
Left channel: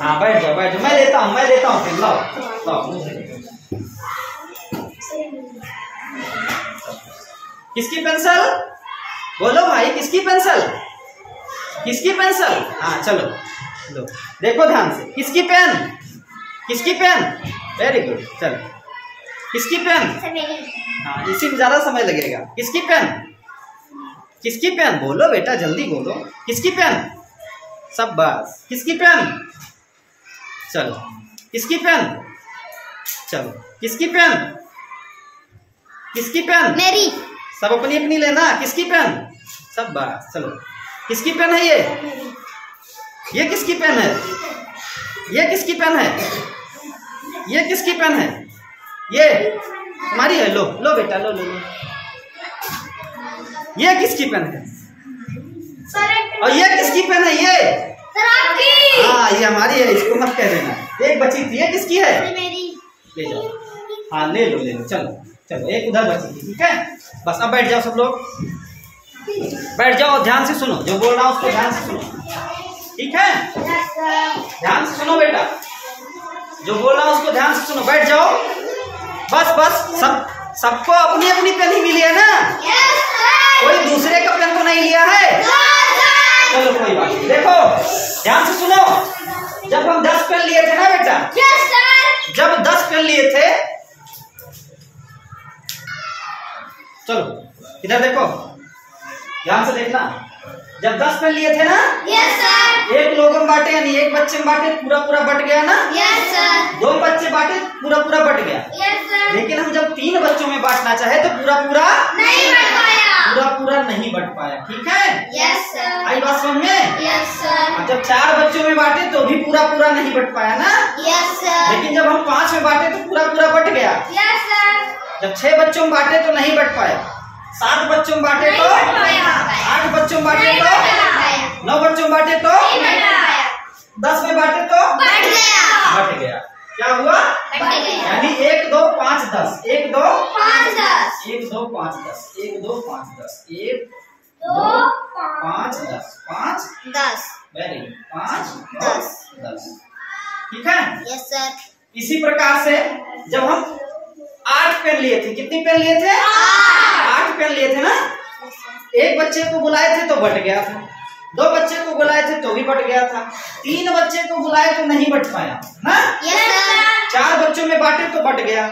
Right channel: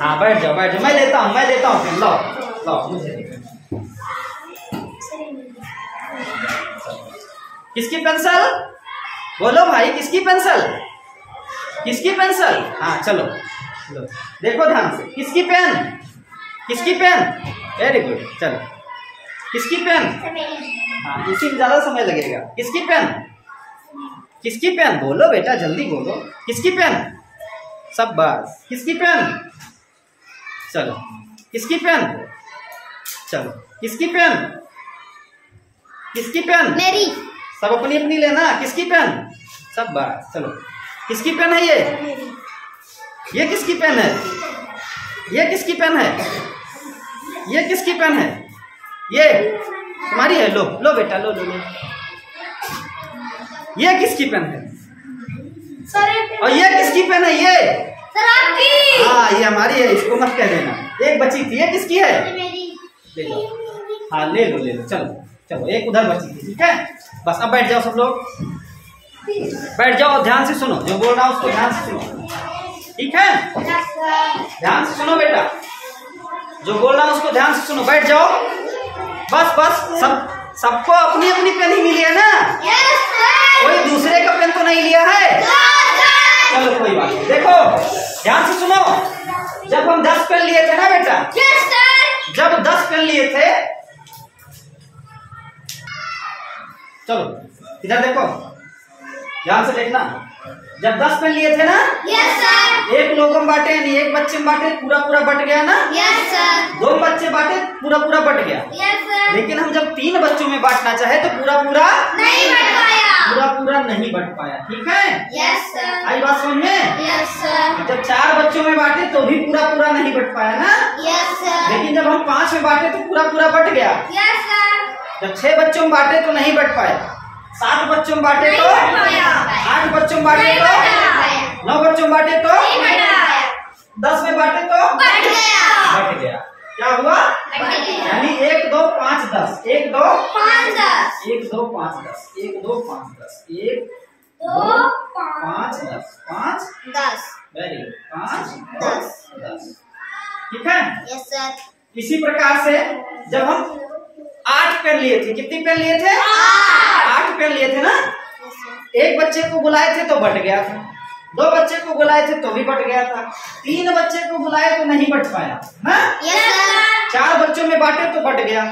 हाँ बैठ जाओ। मैं देता हूँ पेन। लो मुझे। किसकी पेंसिल? बोलो भाई, किसकी पेंसिल? हाँ चलो लो, देखो ध्यान से। किसकी पेन? Very good. चलो किसकी पेन? हाँ इसी में ज्यादा समय लगेगा। किसकी पेन? बोलो बेटा, जल्दी बोलो। किसकी पेन? शाबाश। किसकी पेन? चलो किसकी पेन? मेरी। सब अपनी लेना। किसकी पेन? शाबाश। चलो किसकी पेन है ये किसकी पेन है? ये तुम्हारी है। लो बेटा, लो। ये किसकी पेन है? और ये किसकी पेन है? ये हाँ ये हमारी है। इसको मत कह देना। एक बची थी। ये किसकी है? ले जाओ। हाँ ले लो। चलो एक उधर बची थी। ठीक है। बस अब बैठ जाओ सब लोग। बैठ जाओ। ध्यान से सुनो, जो बोल रहा हूँ उसको ध्यान से सुनो। ठीक है। ध्यान से सुनो बेटा, जो बोल रहा हूँ उसको ध्यान से सुनो। बैठ जाओ। बस सबको अपनी पेन ही मिली है ना? कोई दूसरे का पेन तो नहीं लिया है? चलो कोई बात नहीं। देखो ध्यान से सुनो। जब हम 10 पेन लिए थे ना बेटा, जब 10 पेन लिए थे, चलो इधर देखो, ध्यान से देखना। जब 10 पेन लिए थे ना, एक लोगों में बांटे, यानी एक बच्चे में बांटे, पूरा बट गया ना। 2 बच्चे बांटे, पूरा बट गया। लेकिन हम जब 3 बच्चों में बांटना चाहे तो पूरा नहीं बट पाया। ठीक है। आई बात समझ में? जब 4 बच्चों में बांटे तो भी पूरा नहीं बट पाया ना। लेकिन जब हम 5 में बांटे तो पूरा बट गया। जब 6 बच्चों में बांटे तो नहीं बट पाए। 7 बच्चों में बांटे तो, 8 बच्चों में बांटे तो, 9 बच्चों में बांटे तो, 10 में बांटे तो बट गया। क्या हुआ? यानी 1 2 5 10, 1 2 5 10, 1 2 5 10, 1 2 5 10, 1 2 5 10, 5 10, वेरी गुड, 5 10 10, ठीक है। Yes sir. इसी प्रकार से जब हम 8 पेन लिए थे, कितनी पेन लिए थे? 8 पेन लिए थे ना। एक बच्चे को बुलाए थे तो बट गया था, 2 बच्चे को बुलाए थे तो भी बट गया था, 3 बच्चे को बुलाए तो नहीं बट पाया ना। Yes sir. 4 बच्चों में बांटे तो बट गया,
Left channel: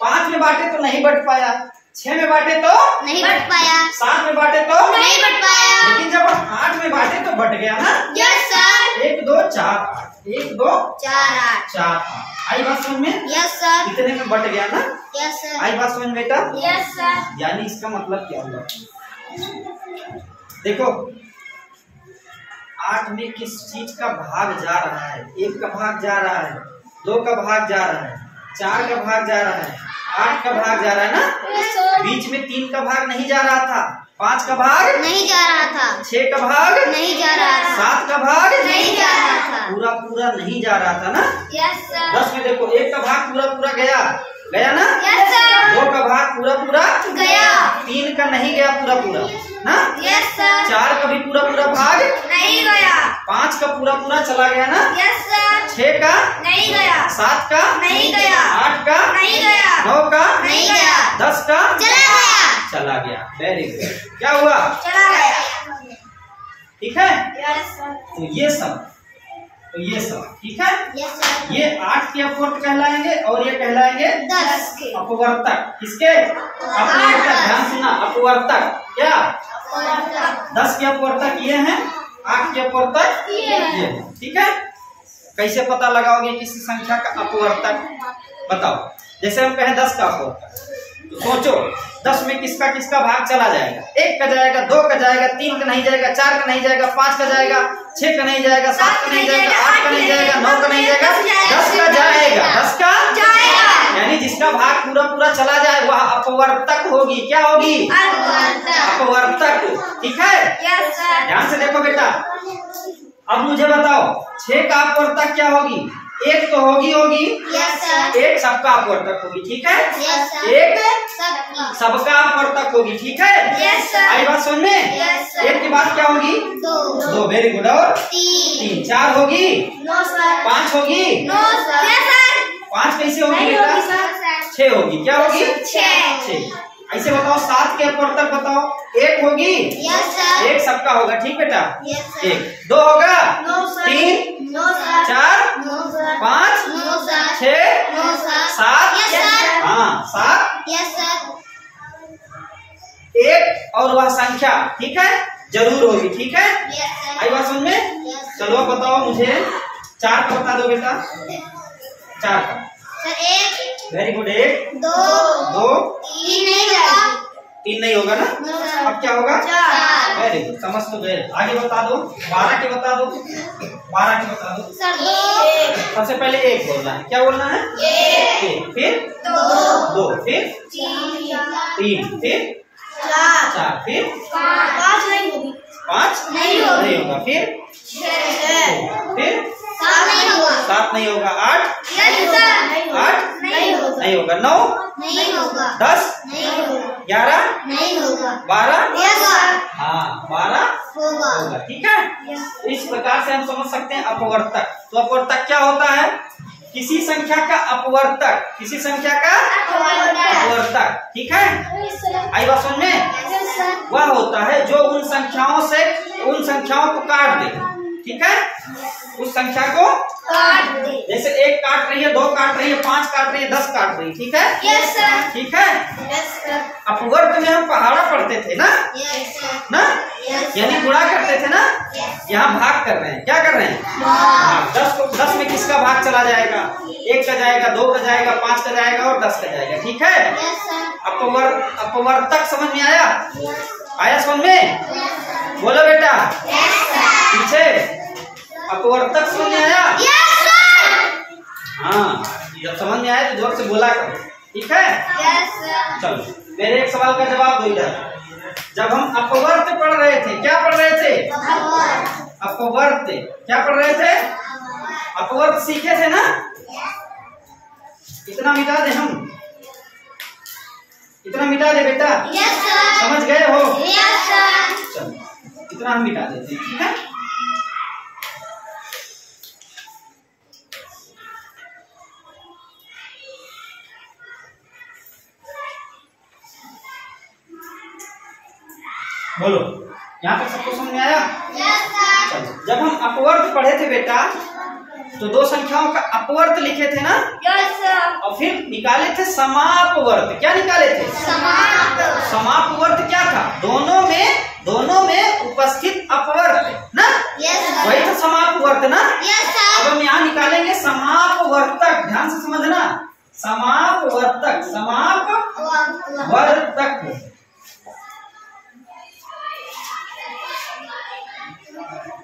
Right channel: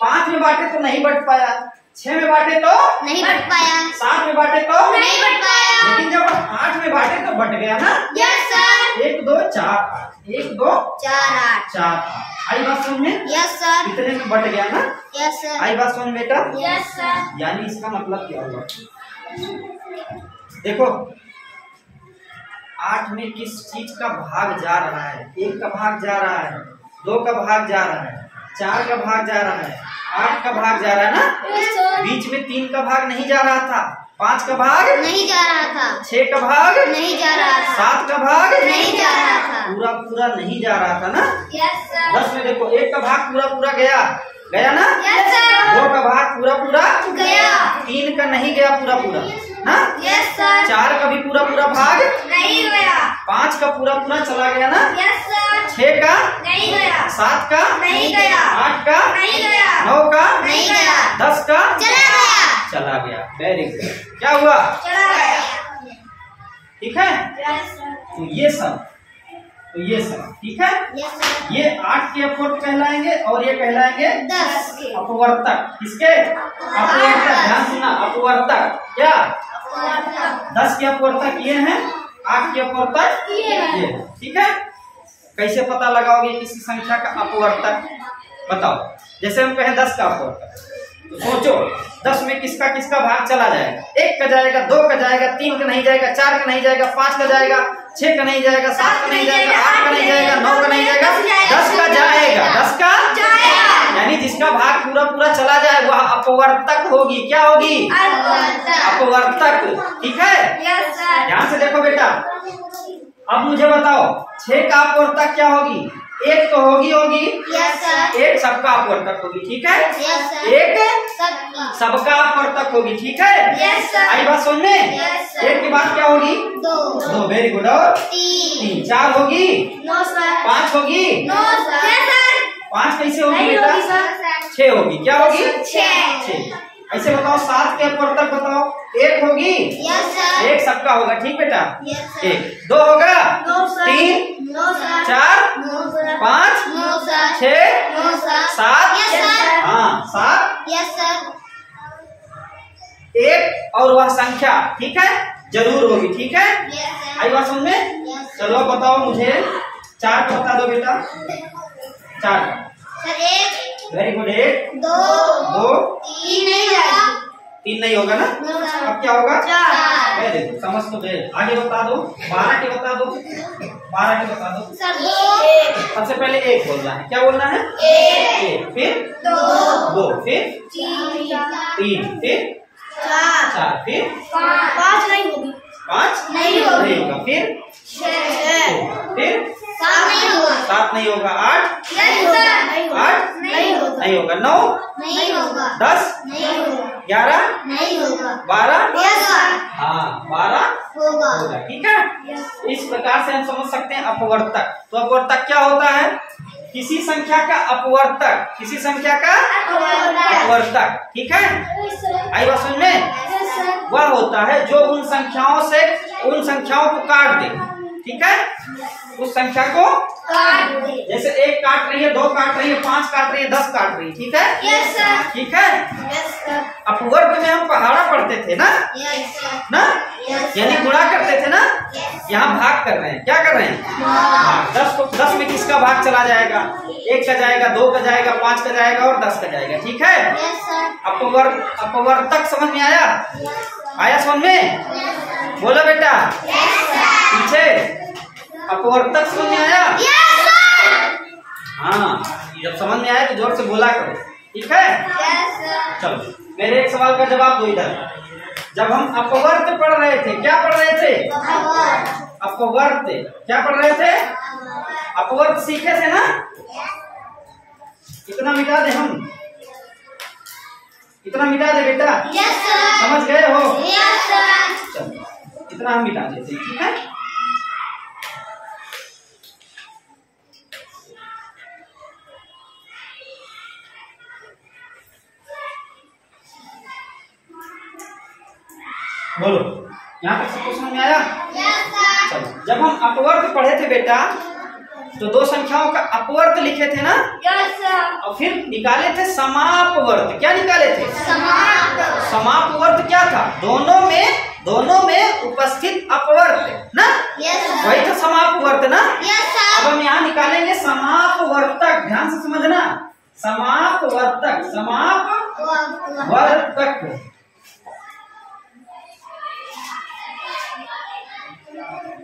5 में बांटे तो नहीं बट पाया, 6 में बांटे तो नहीं बट पाया, 7 में बांटे तो नहीं बट पाया, लेकिन जब 8 में बांटे तो बट गया ना। Yes sir. 1 2 4 8, 1 2 4 8, 4 8, आई बात समझ में? Yes sir. इतने में बट गया ना। Yes sir. आई बात समझ में बेटा? Yes sir. यानी इसका मतलब क्या हुआ? देखो 8 में किस चीज का भाग जा रहा है? 1 का भाग जा रहा है, 2 का भाग जा रहा है, 4 का भाग जा रहा है, 8 का भाग जा रहा है ना। बीच में 3 का भाग नहीं जा रहा था, 5 का भाग नहीं जा रहा था, 6 का भाग नहीं जा रहा था, 7 का भाग नहीं जा रहा था, पूरा पूरा नहीं जा रहा था ना। Yes sir. 10 में देखो 1 का भाग पूरा पूरा गया ना, यस सर। 2 का भाग पूरा पूरा गया, 3 का नहीं गया पूरा पूरा ना, यस सर। 4 का भी पूरा पूरा भाग नहीं गया, 5 का पूरा पूरा चला गया ना, यस सर। 6 का नहीं गया, 7 का नहीं गया, 8 का नहीं गया, 9 का नहीं गया, 10 का चला गया, चला गया। वेरी गुड, क्या हुआ? चला गया, ठीक है। Yes sir. तो ये सब ठीक है। Yes sir. ये 8 के अपवर्त कहलाएंगे और ये कहलाएंगे 10 के अपवर्तक। किसके? अपवर्तक। ध्यान सुना, अपवर्तक क्या? 10 के अपवर्तक ये हैं, 8 के अपवर्तक ये हैं। ठीक है। कैसे पता लगाओगे किसी संख्या का अपवर्तक? बताओ। जैसे हम कहें 10 का अपवर्तक, तो सोचो 10 में किसका किसका भाग चला जाएगा? 1 का जाएगा, 2 का जाएगा, 3 का नहीं जाएगा, 4 का नहीं जाएगा, 5 का जाएगा, 6 का नहीं जाएगा, 7 का नहीं जाएगा, 8 का नहीं जाएगा, 9 का नहीं जाएगा, 10 का जाएगा। 10 का जाएगा, यानी जिसका भाग पूरा पूरा चला जाए वह अपवर्तक होगी। क्या होगी? अपवर्तक। ठीक है। Yes sir. ध्यान से देखो बेटा, अब मुझे बताओ 6 का अपवर्तक क्या होगी? 1 तो होगी। Yes sir. 1 सबका अपवर्तक होगी। ठीक है। Yes sir. 1 सबकी। सबका अपवर्तक होगी। ठीक है। Yes sir. आई बात सुन में? Yes sir. 1 के बाद क्या होगी? 2 वेरी गुड। और 3 4 होगी, 9 सर 5 होगी, 9 सर। Yes sir. 5 कैसे होगी नहीं बेटा? होगी सर। 6 होगी। क्या होगी? 6। ऐसे बताओ 7 के अपवर्तक बताओ। 1 होगी। Yes sir. 1 सबका होगा। ठीक बेटा। Yes sir. 1 2 होगा, 9 sir 3 9 sir 4 9 sir 5 9 sir 6 9 sir 7 yes sir. हाँ 7 यस सर। 1 और वह संख्या ठीक है जरूर होगी। ठीक है। Yes sir. आई बात समझ में? यस चलो अब बताओ मुझे 4 का बता दो बेटा। 4 का सर 1 वेरी गुड। 1 2 2 3 नहीं जाएगी। 3 नहीं होगा ना। No sir. अब क्या होगा? 4 वेरी गुड, समझ तो गए। आगे बता दो। 12 के बता दो। 12 के बता दो। सर 2 सबसे पहले 1 बोलना है। क्या बोलना है? 1 फिर 2 फिर 3 फिर 4 फिर 5 नहीं होगी। 5 नहीं होगी। नहीं होगा। फिर 6 फिर 7 नहीं होगा। 7 नहीं होगा। 8 नहीं होगा। नहीं होगा। 8 नहीं होगा। नहीं होगा। 9 नहीं होगा। 10 नहीं होगा। 11 नहीं होगा। 12 यस सर। हाँ 12 होगा। होगा। ठीक है। इस प्रकार से हम समझ सकते हैं अपवर्तक। तो अपवर्तक क्या होता है? किसी संख्या का अपवर्तक। किसी संख्या का अपवर्तक। ठीक है। आई बात समझ में? Yes sir. वह होता है जो उन संख्याओं को काट दे। ठीक है। उस संख्या को काट दे। जैसे 1 काट रही है, 2 काट रही है, 5 काट रही है, 10 काट रही है। ठीक है। Yes sir. ठीक है। Yes sir. अपवर्त में हम पहाड़ा पढ़ते थे ना, यस सर। ना यस यानी गुणा करते थे ना। यहाँ भाग कर रहे हैं। क्या कर रहे हैं? हाँ। 10 में किसका भाग चला जाएगा? 1 का जाएगा, 2 का जाएगा, 5 का जाएगा और 10 का जाएगा। ठीक है। Yes sir. अपवर्तक समझ में आया? आया समझ में? बोलो बेटा पीछे। अपवर्तक समझ में आया? Yes sir. हाँ, जब समझ में आया तो जोर से बोला करो। ठीक है। Yes sir. चलो मेरे एक सवाल का जवाब दो इधर। जब हम अपवर्त पढ़ रहे थे, क्या पढ़ रहे थे? अपवर्त। क्या पढ़ रहे थे? अपवर्त सीखे थे ना। इतना मिटा दे हम, इतना मिटा दे बेटा। Yes sir. समझ गए हो? Yes sir. चलो इतना हम मिटा देते हैं, ठीक है। बोलो, यहाँ तक सबको समझ में आया? Yes sir. चलो, जब हम अपवर्त पढ़े थे बेटा तो दो संख्याओं का अपवर्त लिखे थे ना, यस सर। और फिर निकाले थे समापवर्त। क्या निकाले थे? समाप्त। समापवर्त क्या था? दोनों में उपस्थित अपवर्त ना, यस सर। वही था समापवर्त ना। यस अब सर। हम यहाँ निकालेंगे समापवर्तक। ध्यान से समझना, समापवर्तक, समापवर्तक।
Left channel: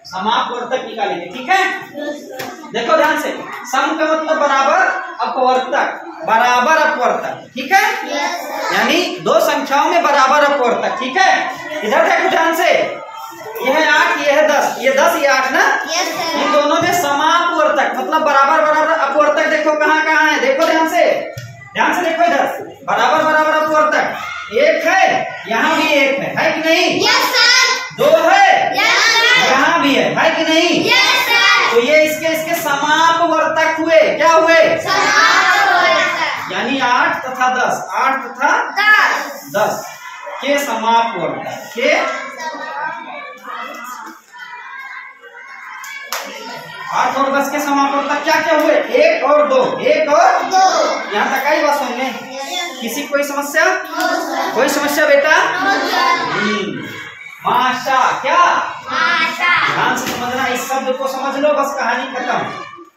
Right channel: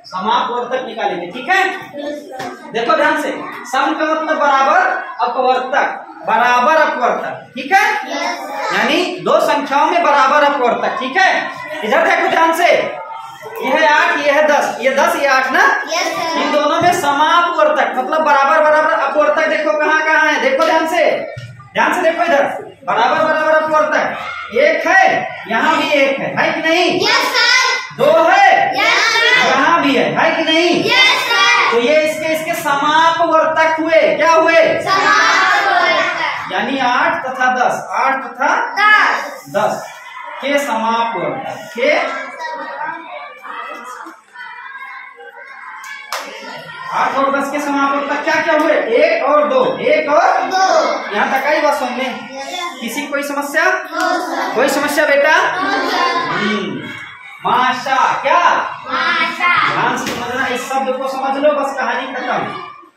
समापवर्तक निकालेंगे, ठीक है। देखो ध्यान से, सम का मतलब बराबर, अपवर्तक बराबर अपवर्तक, ठीक है। यानी दो संख्याओं में बराबर अपवर्तक, ठीक है। इधर देखो ध्यान से, यह है 8, यह है 10, ये 10 ये 8 ना। Yes sir. इन दोनों में समापवर्तक मतलब बराबर बराबर अपवर्तक। देखो कहाँ कहाँ है, देखो ध्यान से देखो इधर, बराबर बराबर अपवर्तक एक है, यहाँ भी एक है कि नहीं? Yes sir. 2 है, यस सर। यहाँ भी है कि नहीं? Yes sir. तो ये इसके समापवर्तक हुए। क्या हुए? समापवर्तक। यानी 8 तथा 10, 8 तथा 10 के समापवर्तक के 8 और 10 के समापवर्तक क्या क्या हुए? 1 और 2, 1 और 2। यहाँ तक आई बात समझ में? किसी कोई समस्या? कोई समस्या बेटा? माशा क्या? ध्यान से समझना, इस शब्द को समझ लो, बस कहानी खत्म।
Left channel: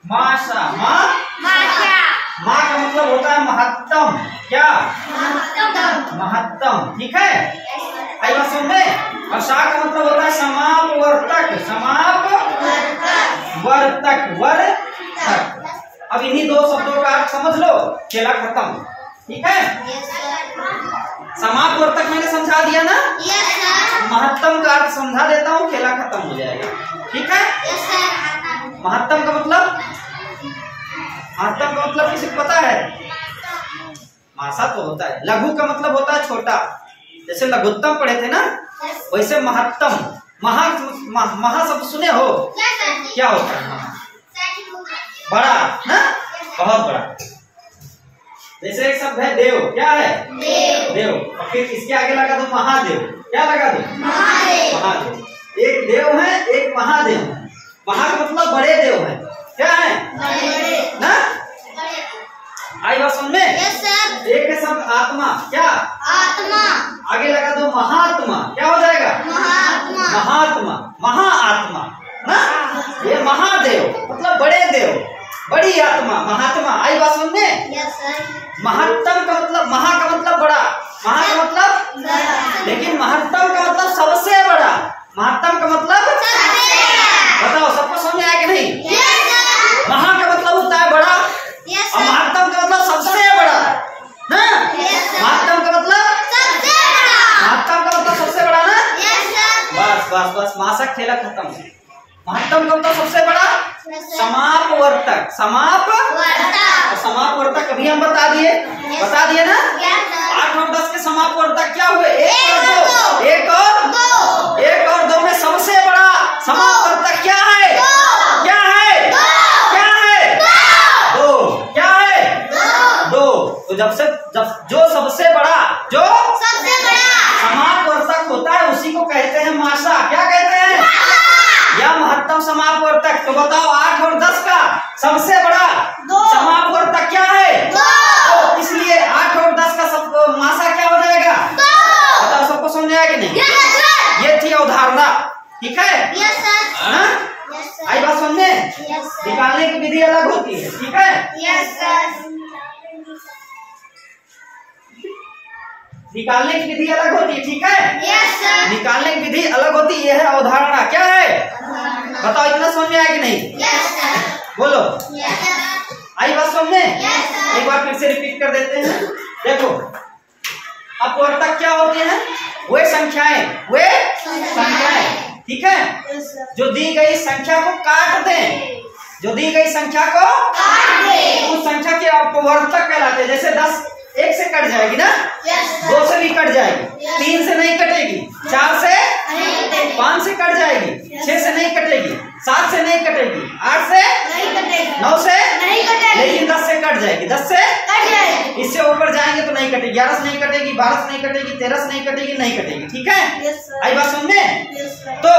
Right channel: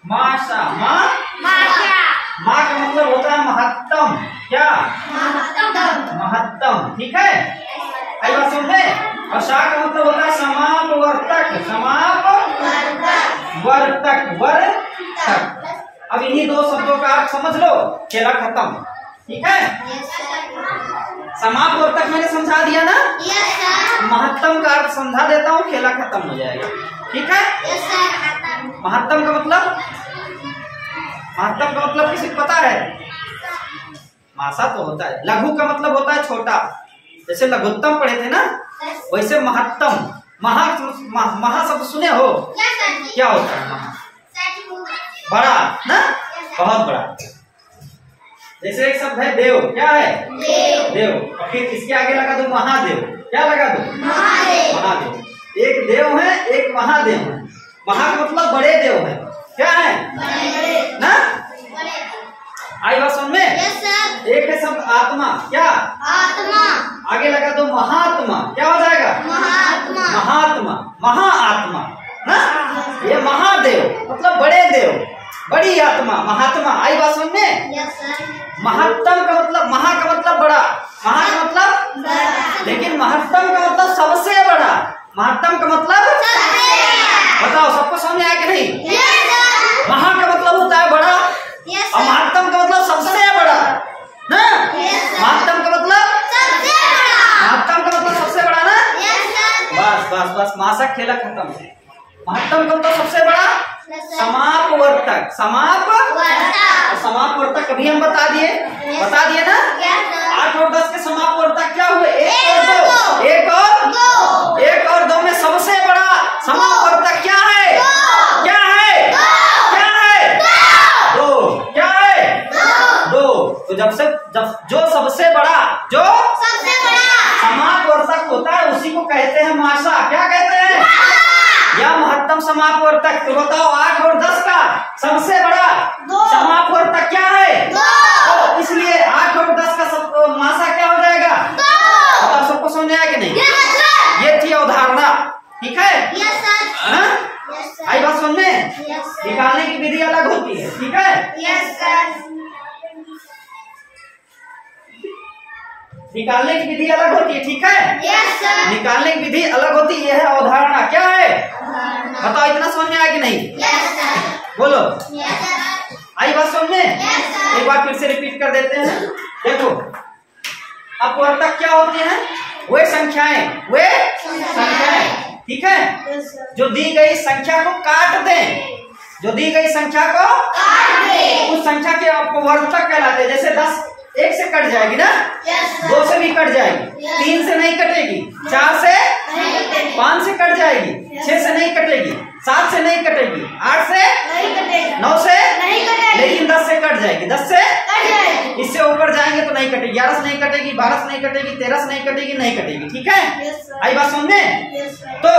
माशा, माँ का मतलब होता है महत्तम। क्या? महत्तम, ठीक है। आई बात समझ में? और शा का मतलब होता है समापवर्तक, वर्तक। अब इन्हीं दो शब्दों का अर्थ समझ लो, खेला खत्म, ठीक है। समापवर्तक मैंने समझा दिया ना, महत्तम का अर्थ समझा देता हूँ, खेला खत्म हो जाएगा, ठीक है। महत्तम का मतलब किसी को पता है? मासा तो होता है। लघु का मतलब होता है छोटा, जैसे लघुत्तम पढ़े थे ना, वैसे महत्तम। महा शब्द सुने हो? क्या होता है महा? बड़ा ना, बहुत बड़ा। जैसे एक शब्द है देव। क्या है? देव। और फिर इसके आगे लगा दो महादेव। क्या लगा दो? महादेव। एक देव है, एक महादेव है। महा का मतलब बड़े देव है। क्या है ना? आई बात समझ में? एक है शब्द आत्मा। क्या? आत्मा। आगे लगा दो महात्मा। क्या हो जाएगा? महात्मा, महाआत्मा ना। ये महादेव मतलब बड़े देव, बड़ी आत्मा, महात्मा। आई बात समझ में? महत्तम का मतलब, महा का मतलब बड़ा, महा का मतलब, लेकिन महत्तम का मतलब सबसे बड़ा। महत्तम का मतलब बताओ, सबको समझ में आया कि नहीं? महा का मतलब होता है बड़ा, और महत्तम का मतलब सबसे बड़ा ना। महत्तम का मतलब सबसे बड़ा ना। बस मासक खेला खत्म। महत्तम का मतलब सबसे बड़ा, समापवर्तक, और समापवर्तक कभी हम बता दिए ना। 8 और 10 के समापवर्तक क्या हुए? 1 और 2 में सबसे बड़ा समापवर्तक क्या है? क्या है? 2। तो जब जो सबसे बड़ा समापवर्तक होता है उसी को कहते हैं माशा। क्या कहते हैं? या महत्तम समापवर्तक। तो बताओ 8 और 10 का सबसे बड़ा समापवर्तक क्या है? 2। इसलिए 8 और 10 का माशा क्या हो जाएगा? बताओ, सबको समझ आया कि नहीं? ये थी अवधारणा, ठीक है। आई बात समझ में? निकालने की विधि अलग होती है, ठीक है। निकालने की विधि अलग होती है, ठीक है। निकालने की विधि अलग होती है, यह है अवधारणा। क्या है? बताओ, इतना समझ में आया कि नहीं? बोलो, आई बात समझ में? एक बार फिर से रिपीट कर देते हैं। देखो, अपवर्तक क्या होते हैं? वे संख्याएं, ठीक है, जो दी गई संख्या को काट दें। उस संख्या के अपवर्तक कहलाते हैं। जैसे 10 1 से कट जाएगी ना, 2 से भी कट जाएगी, 3 से नहीं कटेगी, 4 से 5 से कट जाएगी, 6 से नहीं कटेगी, 7 से नहीं कटेगी, 8 से 9 से लेकिन 10 से कट जाएगी, 10 से इससे ऊपर जाएंगे तो नहीं कटेगी, 11 से नहीं कटेगी, 12 से नहीं कटेगी, 13 से नहीं कटेगी, नहीं कटेगी। ठीक है, आई बात समझ में? तो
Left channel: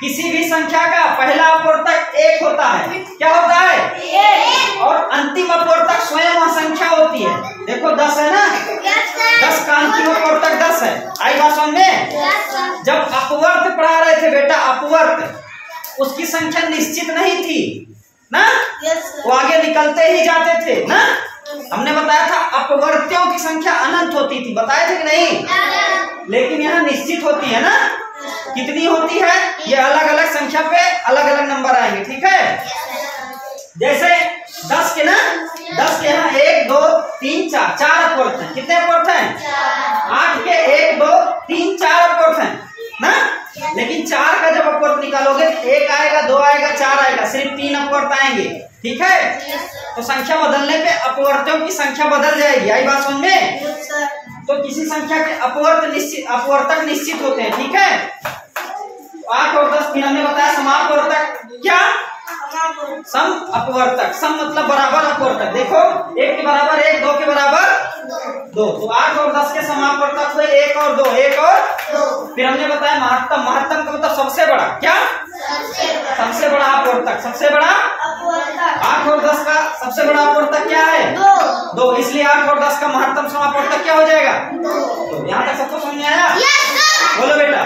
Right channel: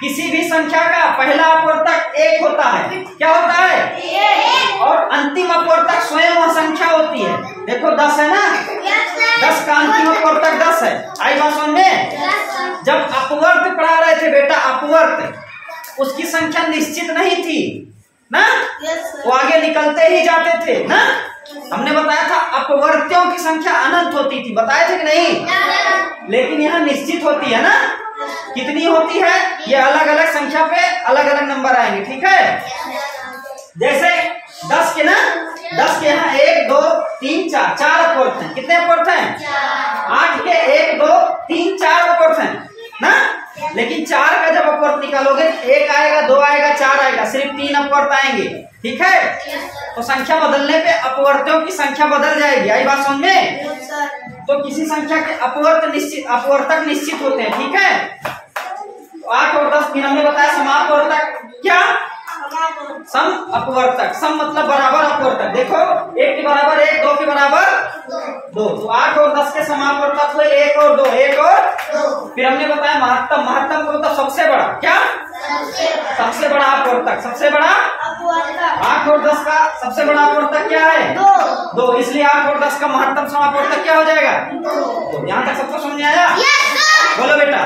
किसी भी संख्या का पहला अपवर्तक 1 होता है। क्या होता है? और अंतिम अपवर्तक स्वयं वह संख्या होती है। देखो 10 है ना, 10 का अंतिम अपवर्तक 10 है। आई बात समझ में? जब अपवर्त पढ़ा रहे थे बेटा, अपवर्त उसकी संख्या निश्चित नहीं थी ना, वो आगे निकलते ही जाते थे ना। हमने बताया था अपवर्त्यों की संख्या अनंत होती थी, बताए थे कि नहीं? लेकिन यहाँ निश्चित होती है ना। कितनी होती है? ये अलग अलग संख्या पे अलग अलग नंबर आएंगे। ठीक है, जैसे 10 के ना, 10 के यहाँ 1 2 3 4 4 अपवर्त हैं। कितने अपवर्त हैं? 8 के 1 2 3 4 अपवर्त हैं ना। लेकिन 4 का जब अपवर्त निकालोगे 1 आएगा, 2 आएगा, 4 आएगा, सिर्फ 3 अपवर्त आएंगे। ठीक है, तो संख्या बदलने पे अपवर्त्यों की संख्या बदल जाएगी। आई बात समझ में? तो किसी संख्या के अपवर्तक निश्चित होते हैं। ठीक है, 8 और 10 फिर हमने बताया समापवर्तक। क्या? सम अपवर्तक। सम मतलब बराबर अपवर्तक। देखो 1 के बराबर 1, 2 के बराबर 2, तो 8 और 10 के समापवर्तक हुए 1 और 2, 1 और 2। फिर हमने बताया महत्तम। महत्तम का मतलब सबसे बड़ा। क्या? सबसे बड़ा अपवर्तक। सबसे बड़ा 8 और 10 का सबसे बड़ा अपवर्तक क्या है? 2। इसलिए 8 और 10 का महत्तम समापवर्तक क्या हो जाएगा? 2। यहाँ तक सबको समझ में आया? बोलो बेटा,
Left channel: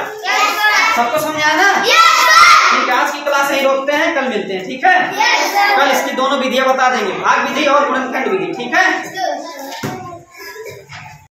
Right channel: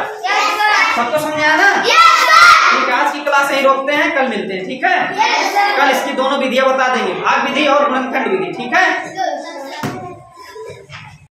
सबको समझ में आया ना? ठीक है, आज की क्लास यही रोकते हैं, कल मिलते हैं। ठीक है, कल इसकी दोनों विधियां बता देंगे, भाग विधि और गुणनखंड विधि। ठीक है।